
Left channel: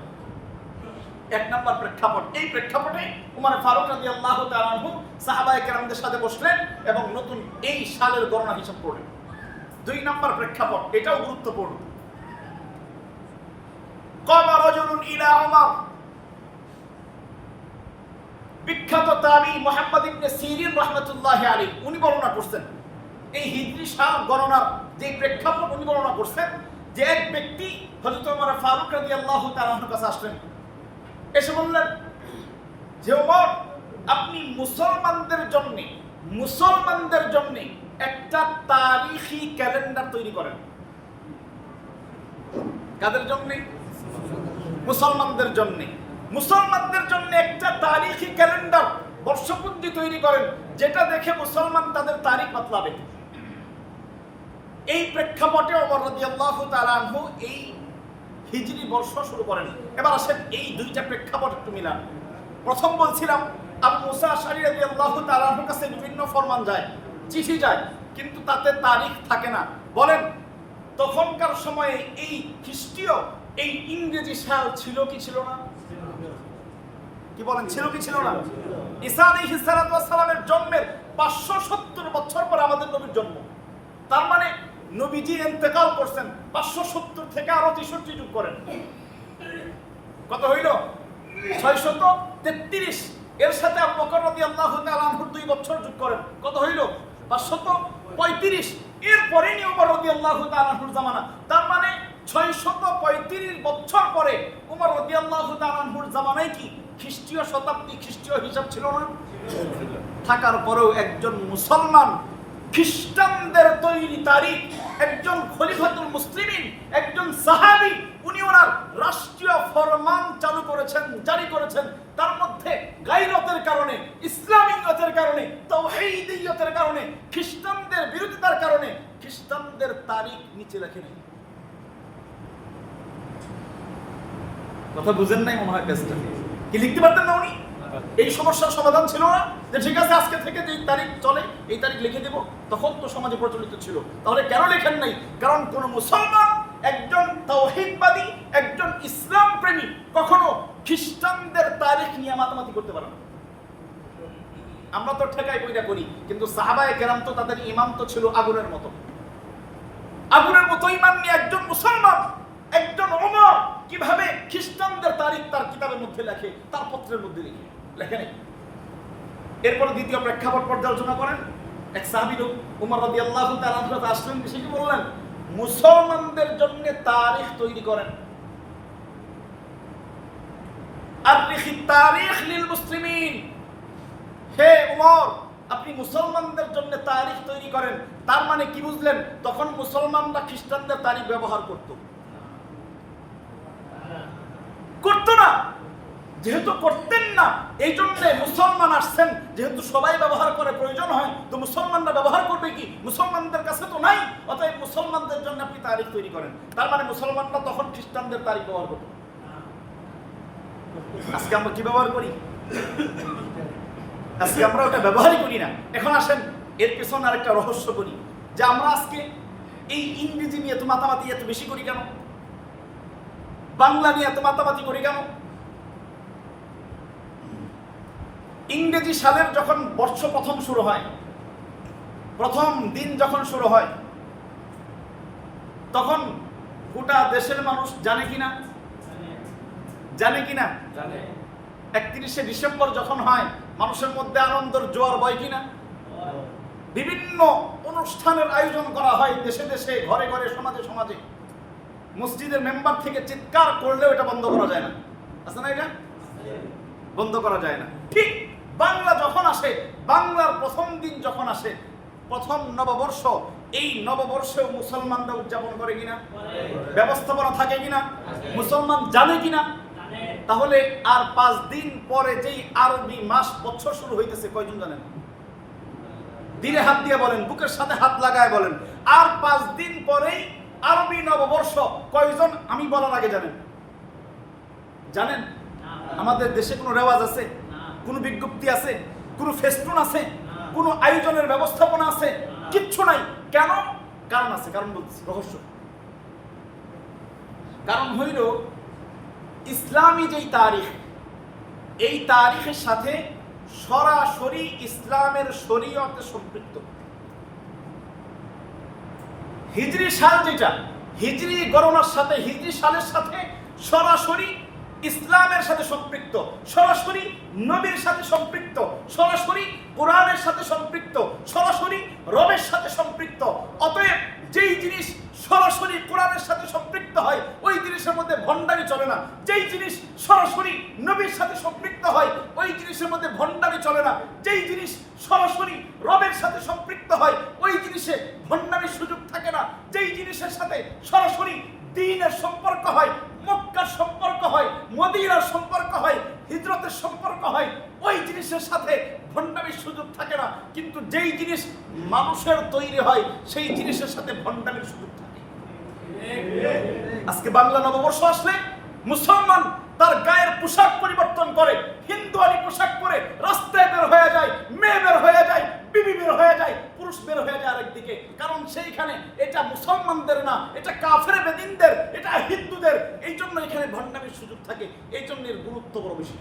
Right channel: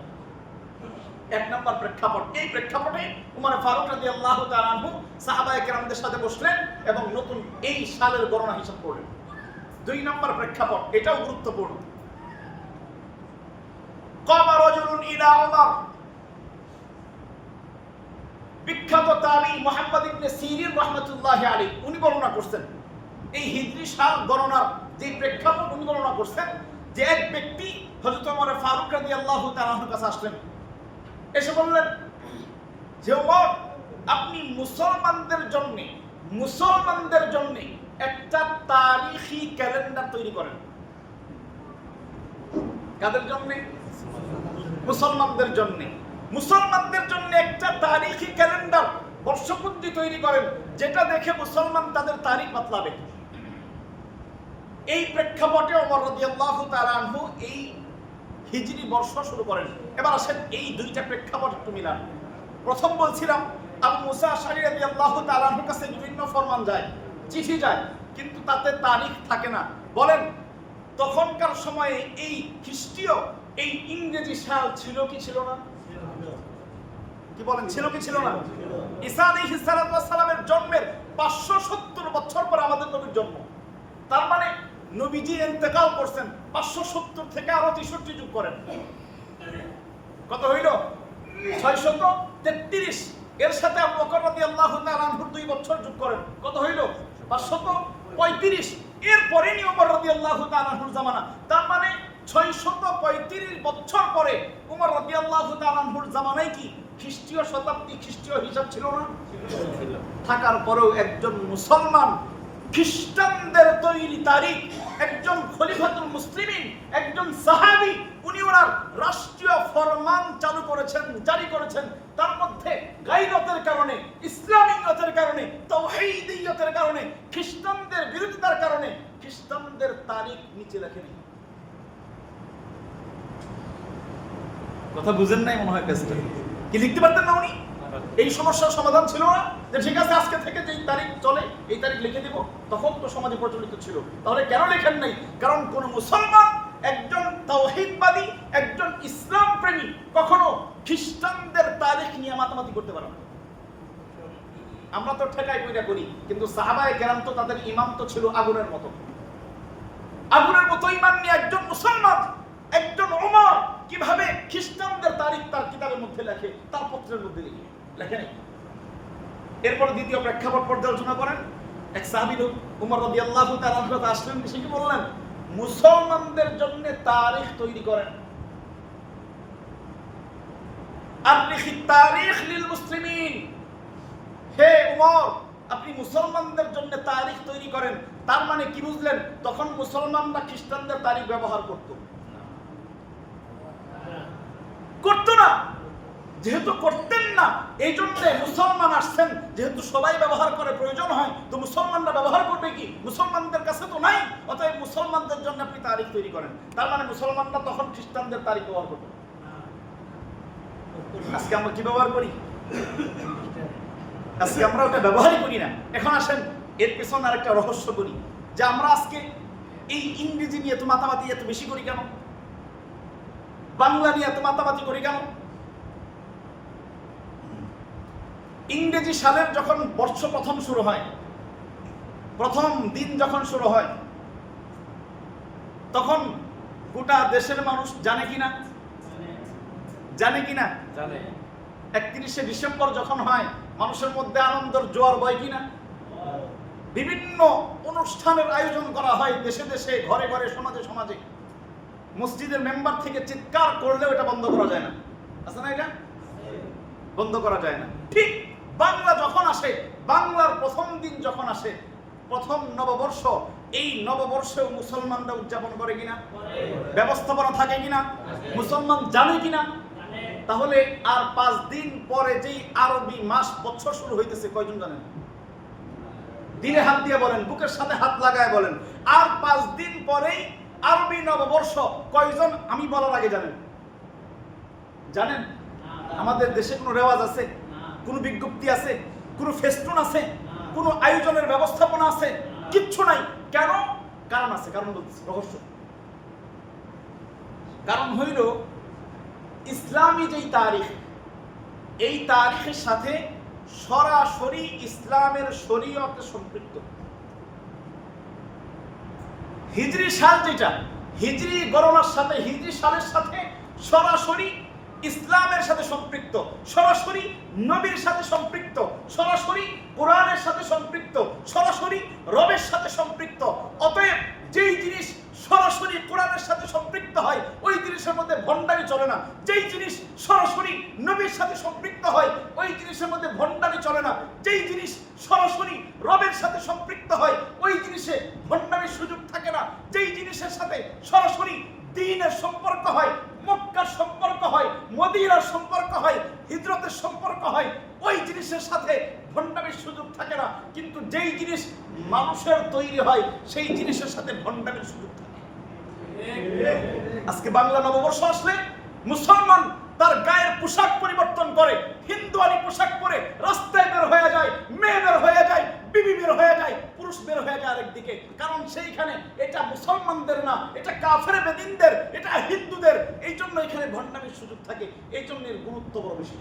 এক নম্বর প্রেক্ষাপট। এই প্রেক্ষাপটে ওমর ফারুক রাদিয়াল্লাহু তাআলা আনহু সাহাবায়ে কেরামদের সাথে বসলেন এবং নতুন এই সালের গণনা হিসাব করলেন। 2 নম্বর প্রেক্ষাপট, এটাও গুরুত্বপূর্ণ। কামা রাজুলুন ইলা ওমর, বিখ্যাত তাবী মুহাম্মদ ইবনে সিরিন রাহমাতুল্লাহি আলাইহি উনি বর্ণনা করছেন এই হিজরি সাল গণনার যে প্রেক্ষাপট উনি বর্ণনা করছেন যে এক ব্যক্তি হযরত ওমর ফারুক রাদিয়াল্লাহু তাআলা আনহুর কাছে আসলেন, এসে বললেন যে ওমর, আপনি মুসলমানদের জন্য একটা তারিখি ক্যালেন্ডার তৈরি করেন। কাদের জন্য? মুসলমানদের জন্য। মুসলমানদের জন্য একটা তারিখি ক্যালেন্ডার, বর্ষপঞ্জি তৈরি করেন, যেটা দেখে মুসলমান তাদের তারিখ বাতলাবে। এই প্রেক্ষাপটে ওমর রাদিয়াল্লাহু তাআলা আনহু এই হিজরি বর্ষ শুরু করেন। এবার আসেন এই দুইটা প্রেক্ষাপট একটু মিলান। প্রথম বলছিলাম আবু মুসা আশআরী রাদিয়াল্লাহু তাআলা আনহুর কাছে বিভিন্ন ফরমান যায়, চিঠি যায়, কিন্তু তাতে তারিখ থাকে না। বলেন তখনকার সময়ে এই খ্রিস্টীয় এই ইংরেজি সাল ছিল কি ছিল না? কি বলেন, ছিল কি ছিল না? ঈসা আলাইহিস সালাতু ওয়াস সালামের জন্মের 570 বছর পর আমাদের নবীর জন্ম। তার মানে নবীজি ইন্তেকাল করছেন 570 থেকে আরো 63 যোগ করেন, কত হইল? 633। এর সাথে আবু বকর রাদিয়াল্লাহু তাআলা আনহুর 2 বছর যোগ করেন, কত হইল? 535। এরপরে নি ওমর রাদিয়াল্লাহু তাআলা আনহুর জামানা। তার মানে 635 বছর পরে ওমর রাদিয়াল্লাহু তাআলা আনহুর জামানায় কি খ্রিস্টীয় শতাব্দী, খ্রিস্টীয় হিসাব ছিল না? থাকার পরেও একজন মুসলমান খ্রিস্টানদের তৈরি তারিখ, একজন খলিফাতুল মুসলিমিন, একজন সাহাবী, উনি ওনার রাষ্ট্রীয় ফরমান চালু করেছেন, জারি করেছেন। তার মধ্যে গায়রতের কারণে, ইসলামিয়তের কারণে, তাওহীদিয়তের কারণে, খ্রিস্টানদের বিরোধিতার কারণে খ্রিস্টানদের তারিখ নিচে লেখেনি। কথা বুঝেন নাই মনে হয়। পেজটা কি লিখতে পারতেন না উনি? এই সমস্যার সমাধান ছিল না যে ঠিক আছে আজকে থেকে যে তারিখ চলে এই তারিখ লিখে দেব? তখন তো সমাজে প্রচলিত ছিল। তাহলে কেন লেখেন নাই? কারণ কোন মুসলমান, একজন তাওহীদবাদী, একজন ইসলাম প্রেমী কখনো খ্রিস্টানদের তারিখ নিয়ে মাতামাতি করতে পারে না। আমরা তো ঠেকাই কইরা করি, কিন্তু সাহাবায়ে কেরাম তো তাদের ইমাম তো ছিল আগুনের মতো। আগুনের মতো ইমান নিয়ে একজন মুসলমান, একজন ওমর কিভাবে খ্রিস্টানদের তারিখ তার কিতাবের মধ্যে লেখে, তার পত্রের মধ্যে লেখে নাই। এরপর দ্বিতীয় প্রেক্ষাপট পর্যালোচনা করেন। এক সাহাবী লোক ওমর রাদিয়াল্লাহু তাআলা আনহু আসলেন, সে কি বললেন? মুসলমানদের জন্য তারিখ তৈরি করেন। আররিখি তারিখ লিল মুসলিমিন। হে ওমর, আপনি মুসলমানদের জন্য তারিখ তৈরি করেন। তার মানে কি বুঝলেন? তখন মুসলমানরা খ্রিস্টানদের তারিখ ব্যবহার করতো না। যেহেতু করতেন না, এই জন্য মুসলমান আসছেন, যেহেতু সবাই ব্যবহার করে, প্রয়োজন হয়, তো মুসলমানরা ব্যবহার করবে কি? মুসলমানদের কাছে তো নাই, অতএব মুসলমানদের জন্য আপনি তারিখ তৈরি করেন। তার মানে মুসলমানরা তখন খ্রিস্টানদের তারিখ ব্যবহার করত। আজকে আমরা কি ব্যবহার করি? আজকে আমরা ওটা ব্যবহারই করি না। এখন আসেন এর পেছনে আরেকটা রহস্য করি, যে আমরা আজকে এই ইংরেজি নিয়ে এত মাতামাতি এত বেশি করি কেন? বাংলা নিয়ে এত মাতামাতি করি কেন? ইংরেজি সালের যখন বর্ষ প্রথম শুরু হয়, প্রথম দিন যখন শুরু হয়, তখন গোটা দেশের মানুষ জানে কিনা? জানে কিনা? 31শে ডিসেম্বর যখন হয়, মানুষের মধ্যে আনন্দের জোয়ার বয় কিনা? বিভিন্ন অনুষ্ঠানের আয়োজন করা হয় দেশে দেশে, ঘরে ঘরে, সমাজে সমাজে। মসজিদের মেম্বার থেকে চিৎকার করলেও এটা বন্ধ করা যায় না, আছে না? এটা বন্ধ করা যায় না। ঠিক বাংলা যখন আসে, বাংলার প্রথম দিন যখন আসে, প্রথম নববর্ষ, এই নববর্ষেও মুসলমানরা উদযাপন করে কিনা? ব্যবস্থাপনা থাকে কিনা? মুসলমান জানে কিনা? তাহলে আর 5 দিন পরে যেই আরবি মাস বছর শুরু হইতেছে, কয়জন জানেন? দিলে হাত দিয়ে বলেন, বুকের সাথে হাত লাগায় বলেন, আর 5 দিন পরেই আরবি নববর্ষ। কয়জন আমি বলার আগে জানেন? জানেন? আমাদের দেশে কোনো রেওয়াজ আছে? কোনো বিজ্ঞপ্তি আছে? কোনো ফেস্টুন আছে? কোনো আয়োজনের ব্যবস্থাপনা আছে? কিচ্ছু নাই। কেন? কারণ আছে, কারণ বলছি, রহস্য। কারণ হইল ইসলামী যেই তারিখ, এই তারিখের সাথে সরাসরি ইসলামের শরীয়তে সম্পৃক্ত। হিজরি সাল যেটা, হিজরি গণনার সাথে, হিজরি সালের সাথে সরাসরি ইসলামের সাথে সম্পৃক্ত, সরাসরি নবীর সাথে সম্পৃক্ত, সরাসরি কোরআনের সাথে সম্পৃক্ত, সরাসরি রবের সাথে সম্পৃক্ত। অতএব যেই জিনিস সরাসরি কোরআনের সাথে সম্পৃক্ত হয় ওই জিনিসের মধ্যে ভণ্ডামি চলে না। যেই জিনিস সরাসরি নবীর সাথে সম্পৃক্ত হয় ওই জিনিসের মধ্যে ভণ্ডামি চলে না। যেই জিনিস সরাসরি রবের সাথে সম্পৃক্ত হয় ওই জিনিসে ভণ্ডামির সুযোগ থাকে না। যেই জিনিসের সাথে সরাসরি দ্বীনের সম্পর্ক হয়, মক্কার সম্পর্ক হয়, মদিনার সম্পর্ক হয়, হিজরতের সম্পর্ক হয়, ওই জিনিসের সাথে ভণ্ডামির সুযোগ থাকে না। কিন্তু যেই জিনিস মানুষের তৈরি হয় সেই জিনিসের সাথে ভণ্ডামির সুযোগ থাকে। আজকে বাংলা নববর্ষ আসলে মুসলমান তার গায়ের পোশাক পরিবর্তন করে, হিন্দুয়ানি পোশাক পরে রাস্তায় বের হয়ে যায়, মেয়ে বের হয়ে যায়, বিবি বের হয়ে যায়, পুরুষ বের হয়ে যায় আরেকদিকে। কারণ সেইখানে এটা মুসলমানদের না, এটা কাফের বেদিনদের, এটা হিন্দুদের। এই জন্য এখানে ভণ্ডামির সুযোগ থাকে, এই জন্য এর গুরুত্ব বড় বেশি।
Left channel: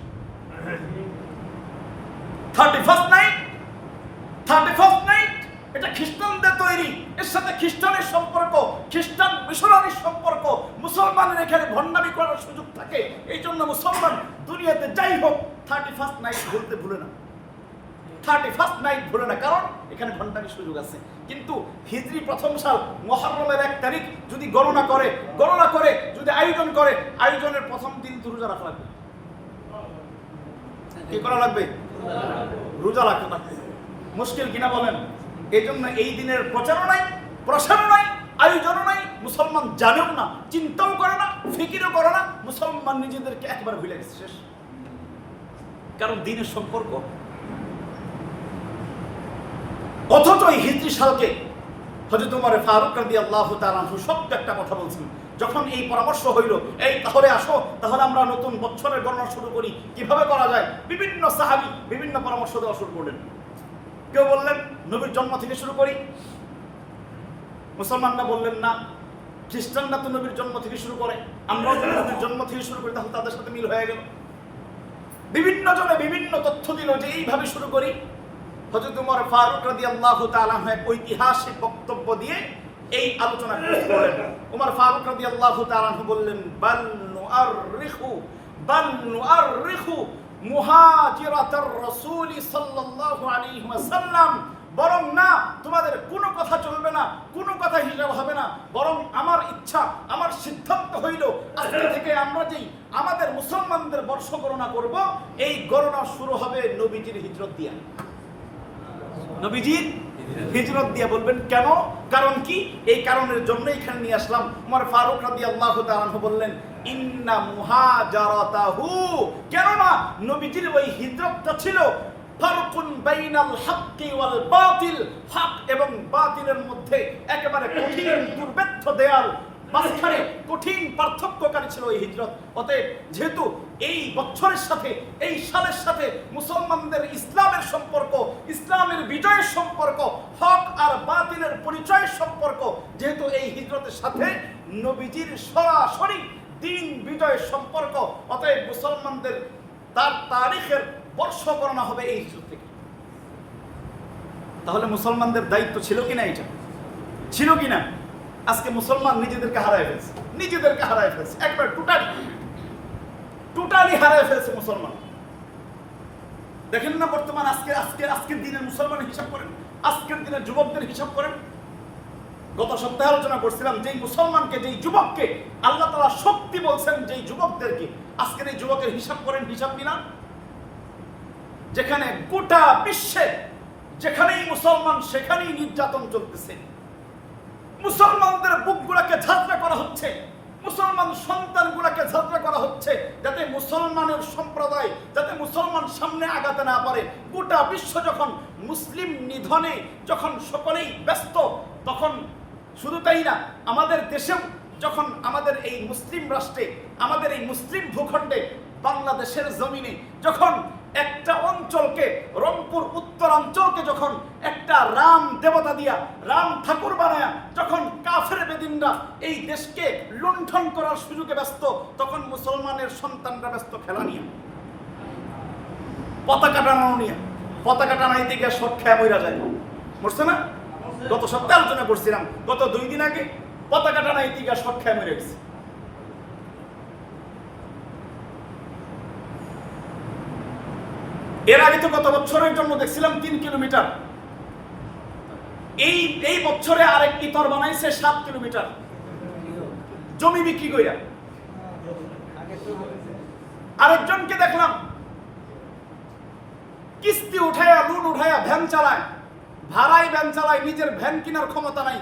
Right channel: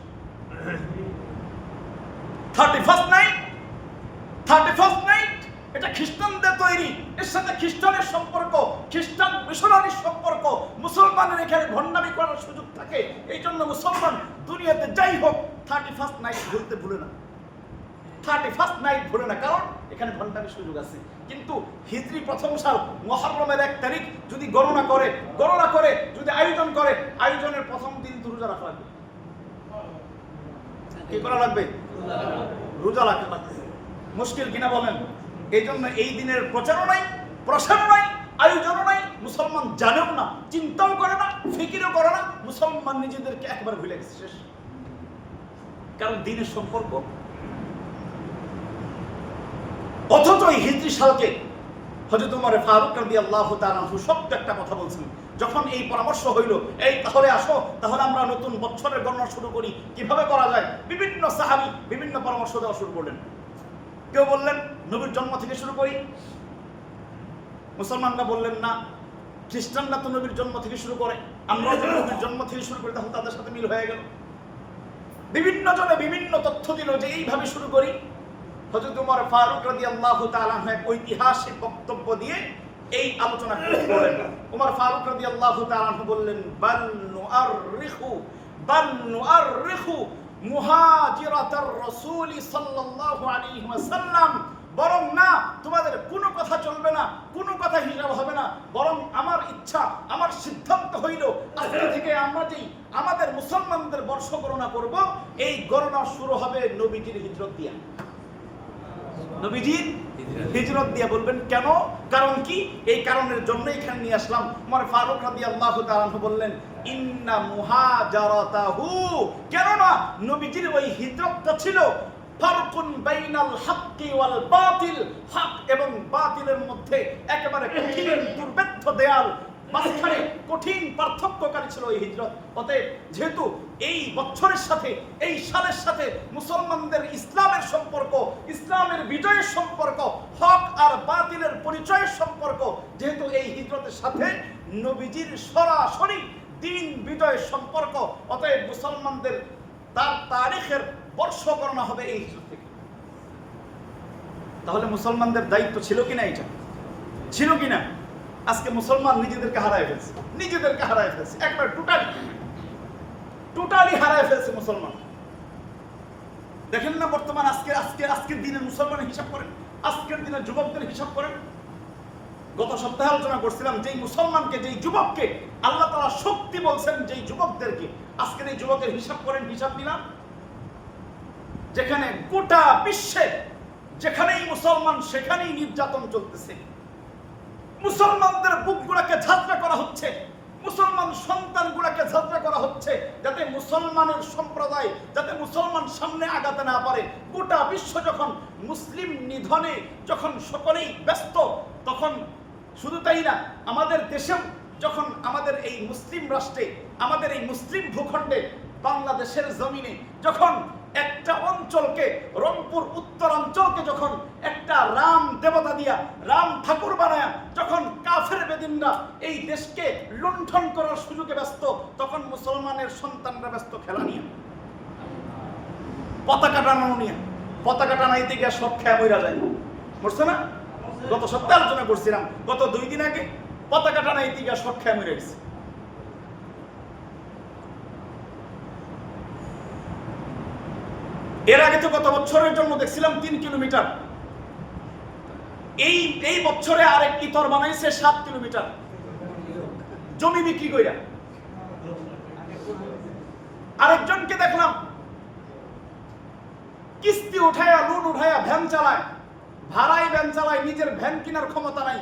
31st নাইট এটা খ্রিস্টানদের তৈরি, এর সাথে খ্রিস্টানের সম্পর্ক, খ্রিস্টান মিশনারির সম্পর্ক। মুসলমানের এখানে ভণ্ডামি করার সুযোগ থাকে। এই জন্য মুসলমান দুনিয়াতে যাই হোক 31st নাইট ভুলে না, 31st নাইট ভুলে না, কারণ এখানে ভণ্ডামির সুযোগ আছে। কিন্তু হিজরি প্রথম সাল মুহররমের 1 তারিখ যদি গণনা করে যদি আয়োজন করে, আয়োজনের প্রথম দিন তো রোজা রাখা লাগবে। কি করা লাগবে? রোজা রাখা লাগবে। মুশকিল কিনা বলেন? এই জন্য এই দিনের প্রচারও নাই, প্রসারও নাই, আয়োজনও নাই। মুসলমান জানেও না, চিন্তাও করে না, ফিকিরও করে না। মুসলমান নিজেদেরকে একবার ভুলে গেছে, শেষ। কারণ দিনের সম্পর্ক। অথচ এই হিজরি সালকে হযরত ওমর ফারুক রাদিয়াল্লাহু তাআলা আনহু সত্য একটা কথা বলছেন। যখন এই পরামর্শ হইল, এই তাহলে আসো, তাহলে আমরা নতুন বছরের গণনা শুরু করি, কিভাবে করা যায়, বিভিন্ন সাহাবী বিভিন্ন পরামর্শ দেওয়া শুরু করলেন। কেউ বললেন নবীর জন্ম থেকে শুরু করি, মুসলমানরা বললেন না, খ্রিস্টানরা তো নবীর জন্ম থেকে শুরু করে, আমরাও যদি নবীর জন্ম থেকে শুরু করি তাহলে তাদের সাথে মিল হয়ে গেল। বিভিন্ন জনে বিভিন্ন তথ্য দিল যে এইভাবে শুরু করি। হযরত ওমর ফারুক রাদিয়াল্লাহু তাআলা এক ঐতিহাসিক বক্তব্য দিয়ে এই আলোচনা করলেন। ওমর ফারুক রাদিয়াল্লাহু তাআলা বললেন, বাল নুআররিখু মুহাজিরাতার রাসূল সাল্লাল্লাহু আলাইহি ওয়াসাল্লাম। বরং না, তোমাদের কোনো কথা চলবে না, কোনো কথা হিসাব হবে না। বরং আমার ইচ্ছা, আমার সিদ্ধান্ত হইল আজকে থেকে আমরা যেই আমাদের মুসলমানদের বর্ষ গণনা করব, এই গণনা শুরু হবে নবীজির হিজরত দিয়া। নবীজির হিজরত দিয়া। বলবেন কেন? কারণ কি? এই কারণের জন্য এখানে নিয়ে আসলাম। ওমর ফারুক রাদিয়াল্লাহু তাআলা বললেন, ইন্না মুহাজারাতাহু, কেন না নবীজির ওই হিজরতটা ছিল ফারকুন বাইনাল হাক্কি ওয়াল বাতিল, হক এবং বাতিলের মধ্যে একেবারে কঠিন দুর্ভেদ্য দেয়াল, মাঝখানে কঠিন পার্থক্যকারী ছিল এই হিজরত। অতএব যেহেতু এই বছরের সাথে, এই সালের সাথে মুসলমানদের ইসলামের সম্পর্ক, ইসলামের বিজয়ের সম্পর্ক, হক আর বাতিলের পরিচয়ের সম্পর্ক, যেহেতু এই হিজরতের সাথে নবীজির সরাসরি দিন বিজয়ের সম্পর্ক, অতএব মুসলমানদের তার তারিখের বর্ষ গণনা হবে এই হিজরত থেকে। তাহলে মুসলমানদের দায়িত্ব ছিল কিনা? এটা ছিল কিনা? আজকে মুসলমান নিজেদেরকে হারায় ফেলছে, একবার টোটালি হারায় ফেলছে মুসলমান। দেখেন না বর্তমান আজকের দিনের মুসলমানের হিসাব করেন, আজকের দিনের যুবকদের হিসাব করেন। গত সপ্তাহে আলোচনা করছিলাম, যেই মুসলমানকে, যেই যুবককে আল্লাহ তাআলা শক্তি বলছেন, যেই যুবকদেরকে, আজকের এই যুবকের হিসাব করেন, হিসাব দিলাম। যেখানে গোটা বিশ্বে যেখানেই মুসলমান সেখানেই নির্যাতন চলতেছে, মুসলমানদের বুকগুলোকে ঝাঁঝরা করা হচ্ছে, মুসলমান সন্তানগুলোকে ঝাঁঝরা করা হচ্ছে, যাতে মুসলমানের সম্প্রদায়, যাতে মুসলমান সামনে আগাতে না পারে। গোটা বিশ্ব যখন মুসলিম নিধনে যখন সকলেই ব্যস্ত, তখন শুধু তাই না, আমাদের দেশেও যখন আমাদের এই মুসলিম রাষ্ট্রে, আমাদের এই মুসলিম ভূখণ্ডে, বাংলাদেশের জমিনে যখন একটা অঞ্চলকে, রংপুর উত্তরাঞ্চলকে যখন একটা রাম দেবতা দিয়া, রাম ঠাকুর বানায়া যখন কাফের বেদিনরা এই দেশকে লুণ্ঠন করার সুযোগে ব্যস্ত, তখন মুসলমানের সন্তানরা ব্যস্ত খেলা নিয়ে, পতাকা টানানো নিয়ে। পতাকা টানাইতে গিয়ে শট খেয়ে মইরা যায়, বুঝছো না? গত সপ্তাহে আলোচনা করছিলাম, গত 2 দিন আগে পতাকা টানাইতে গিয়ে শট খেয়ে মরে গেছে। এর আগে তো গত বছরের জন্য দেখছিলাম 3 কিলোমিটার, এই বছরে আরেক ইতর বানাইছে 7 কিলোমিটার। জমি বিক্রি কইরা। আরেকজনকে দেখলাম কিস্তি উঠায়া, লোন উঠায়া ভ্যান চালায়, ভাড়ায় ভ্যান চালায়, নিজের ভ্যান কেনার ক্ষমতা নাই।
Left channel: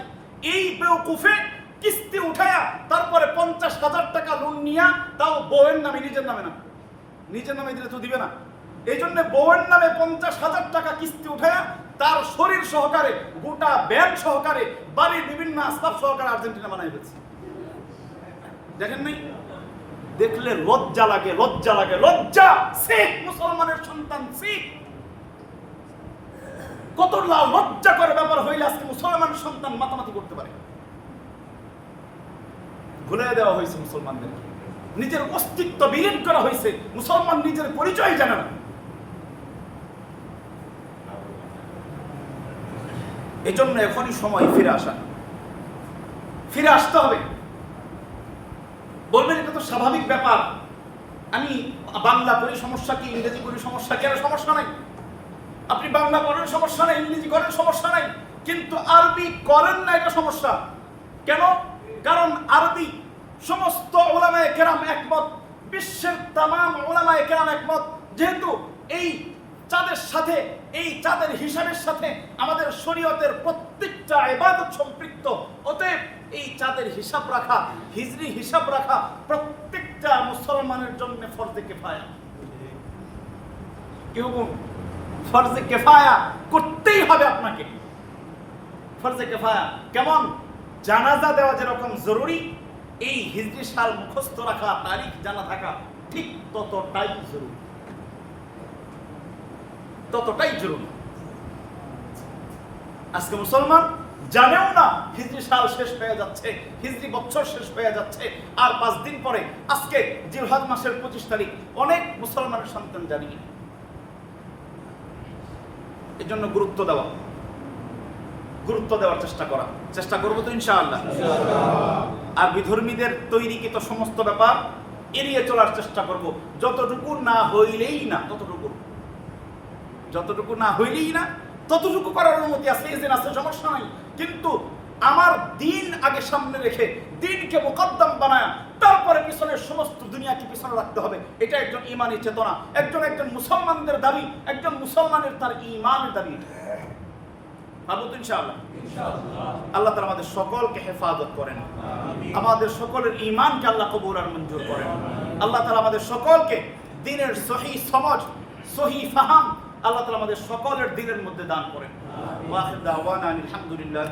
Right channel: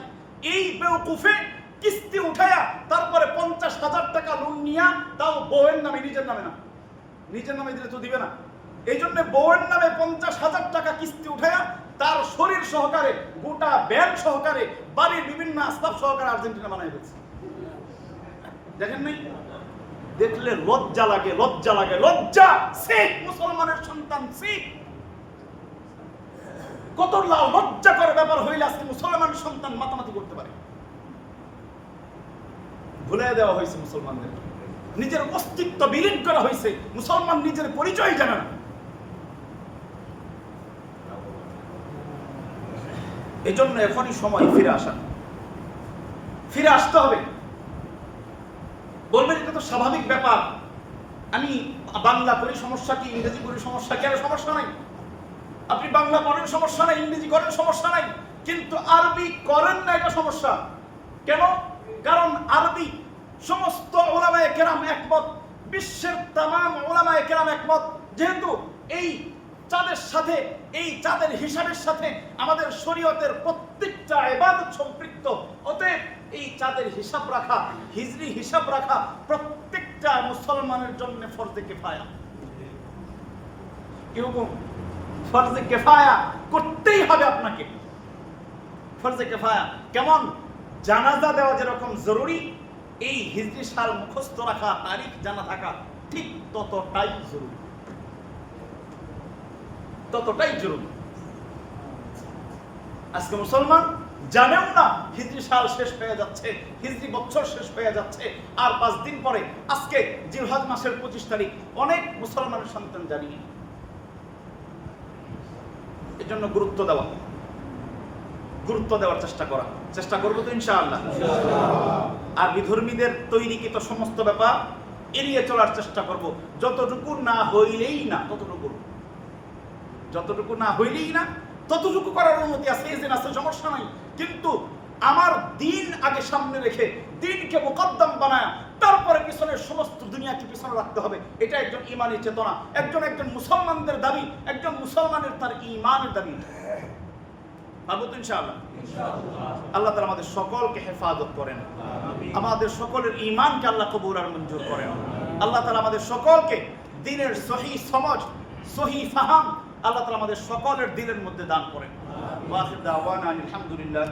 এই বেওকুফে কিস্তি উঠায়া তারপরে 50,000 টাকা লোন নিয়া, তাও বউয়ের নামে, নিজের নামে না। নিজের নামে দিলে তো দিবে না, এই জন্য বউয়ের নামে 50,000 টাকা কিস্তি উঠায়া তার শরীর সহকারে, গোটা ব্যাগ সহকারে, বাড়ির বিভিন্ন আসবাব সহকারে আর্জেন্টিনা বানাই ফেলছে। দেখেন নাই? দেখলে লজ্জা লাগে, লজ্জা লাগে, লজ্জা। শিখ মুসলমানের সন্তান, শিখ। কত লজ্জা করে ব্যাপার হইলে আজকে মুসলমানের সন্তান মাতামাতি করতে পারে। ভুলে দেওয়া হয়েছে মুসলমানদের, নিজের অস্তিত্ব বিলীন করা হয়েছে। মুসলমান নিজের পরিচয় জানে না। এই জন্য এখনই সময় ফিরে আসা, ফিরে আসতে হবে। বলবেন এটা তো স্বাভাবিক ব্যাপার, আমি বাংলা পড়ি, সমস্যা কি? ইংরেজি পড়ি, সমস্যা কি? আর সমস্যা নাই। আপনি বাংলা পড়েন, সমস্যা নাই। ইংরেজি করেন, সমস্যা নাই। কিন্তু আরবি করেন না, এটা সমস্যা। কেন? কারণ আরবি সমস্ত উলামায়ে কেরাম একমত, বিশ্বের তামাম উলামায়ে কেরাম একমত, যেহেতু এই চাঁদের সাথে, এই চাঁদের হিসাবের সাথে আমাদের শরীয়তের প্রত্যেকটা ইবাদত সম্পৃক্ত। অতএব এই চাঁদের হিসাব রাখা, হিজরি হিসাব রাখা প্রত্যেকটা মুসলমানের জন্য ফরজে কিফায়া। কি হুকুম? ফরজে কিফায়া করতেই হবে আপনাকে। ফরজে কিফায়া কেমন? জানাজা দেওয়া যেরকম জরুরি, এই হিজরি সাল মুখস্থ রাখা, তারিখ জানা থাকা ঠিক ততটাই জরুরি, ততটাই জরুরি। আজকে মুসলমান জানেও না হিজরি সাল শেষ হয়ে যাচ্ছে, হিজরি বছর শেষ হয়ে যাচ্ছে, আর 5 দিন পরে আজকে জিলহজ মাসের 25 তারিখ। অনেক মুসলমানের সন্তান জানি। এর জন্য গুরুত্ব দেওয়া, গুরুত্ব দেওয়ার চেষ্টা করা, চেষ্টা করবো তো ইনশাআল্লাহ। আর বিধর্মীদের তৈরিকৃত সমস্ত ব্যাপার এড়িয়ে চলার চেষ্টা করব। যতটুকু না হইলেই না, যতটুকু না হইলেই না ততটুকু করার অনুমতি আছে, এজেন আছে, সমস্যা নাই। কিন্তু আমার দিন আগে সামনে রেখে, দিনকে মুকদ্দম বানায়, তারপরে পিছনের সমস্ত দুনিয়াকে পিছনে রাখতে হবে। এটা একজন ঈমানী চেতনা, একজন মুসলমানদের দাবি, একজন মুসলমানের তার ঈমানের দাবি। পারবো তো ইনশাআল্লাহ? আল্লাহ তাআলা আমাদের সকলকে হেফাজত করেন, আমাদের সকলের ঈমানকে আল্লাহ কবুল আর মঞ্জুর করেন। আল্লাহ তাআলা আমাদের সকলকে দ্বীনের সহি সমঝ, সহি ফাহাম আল্লাহ তাআলা আমাদের সকলের দিলের মধ্যে দান করেন। ওয়া আখির দাওয়ানা আলহামদুলিল্লাহ।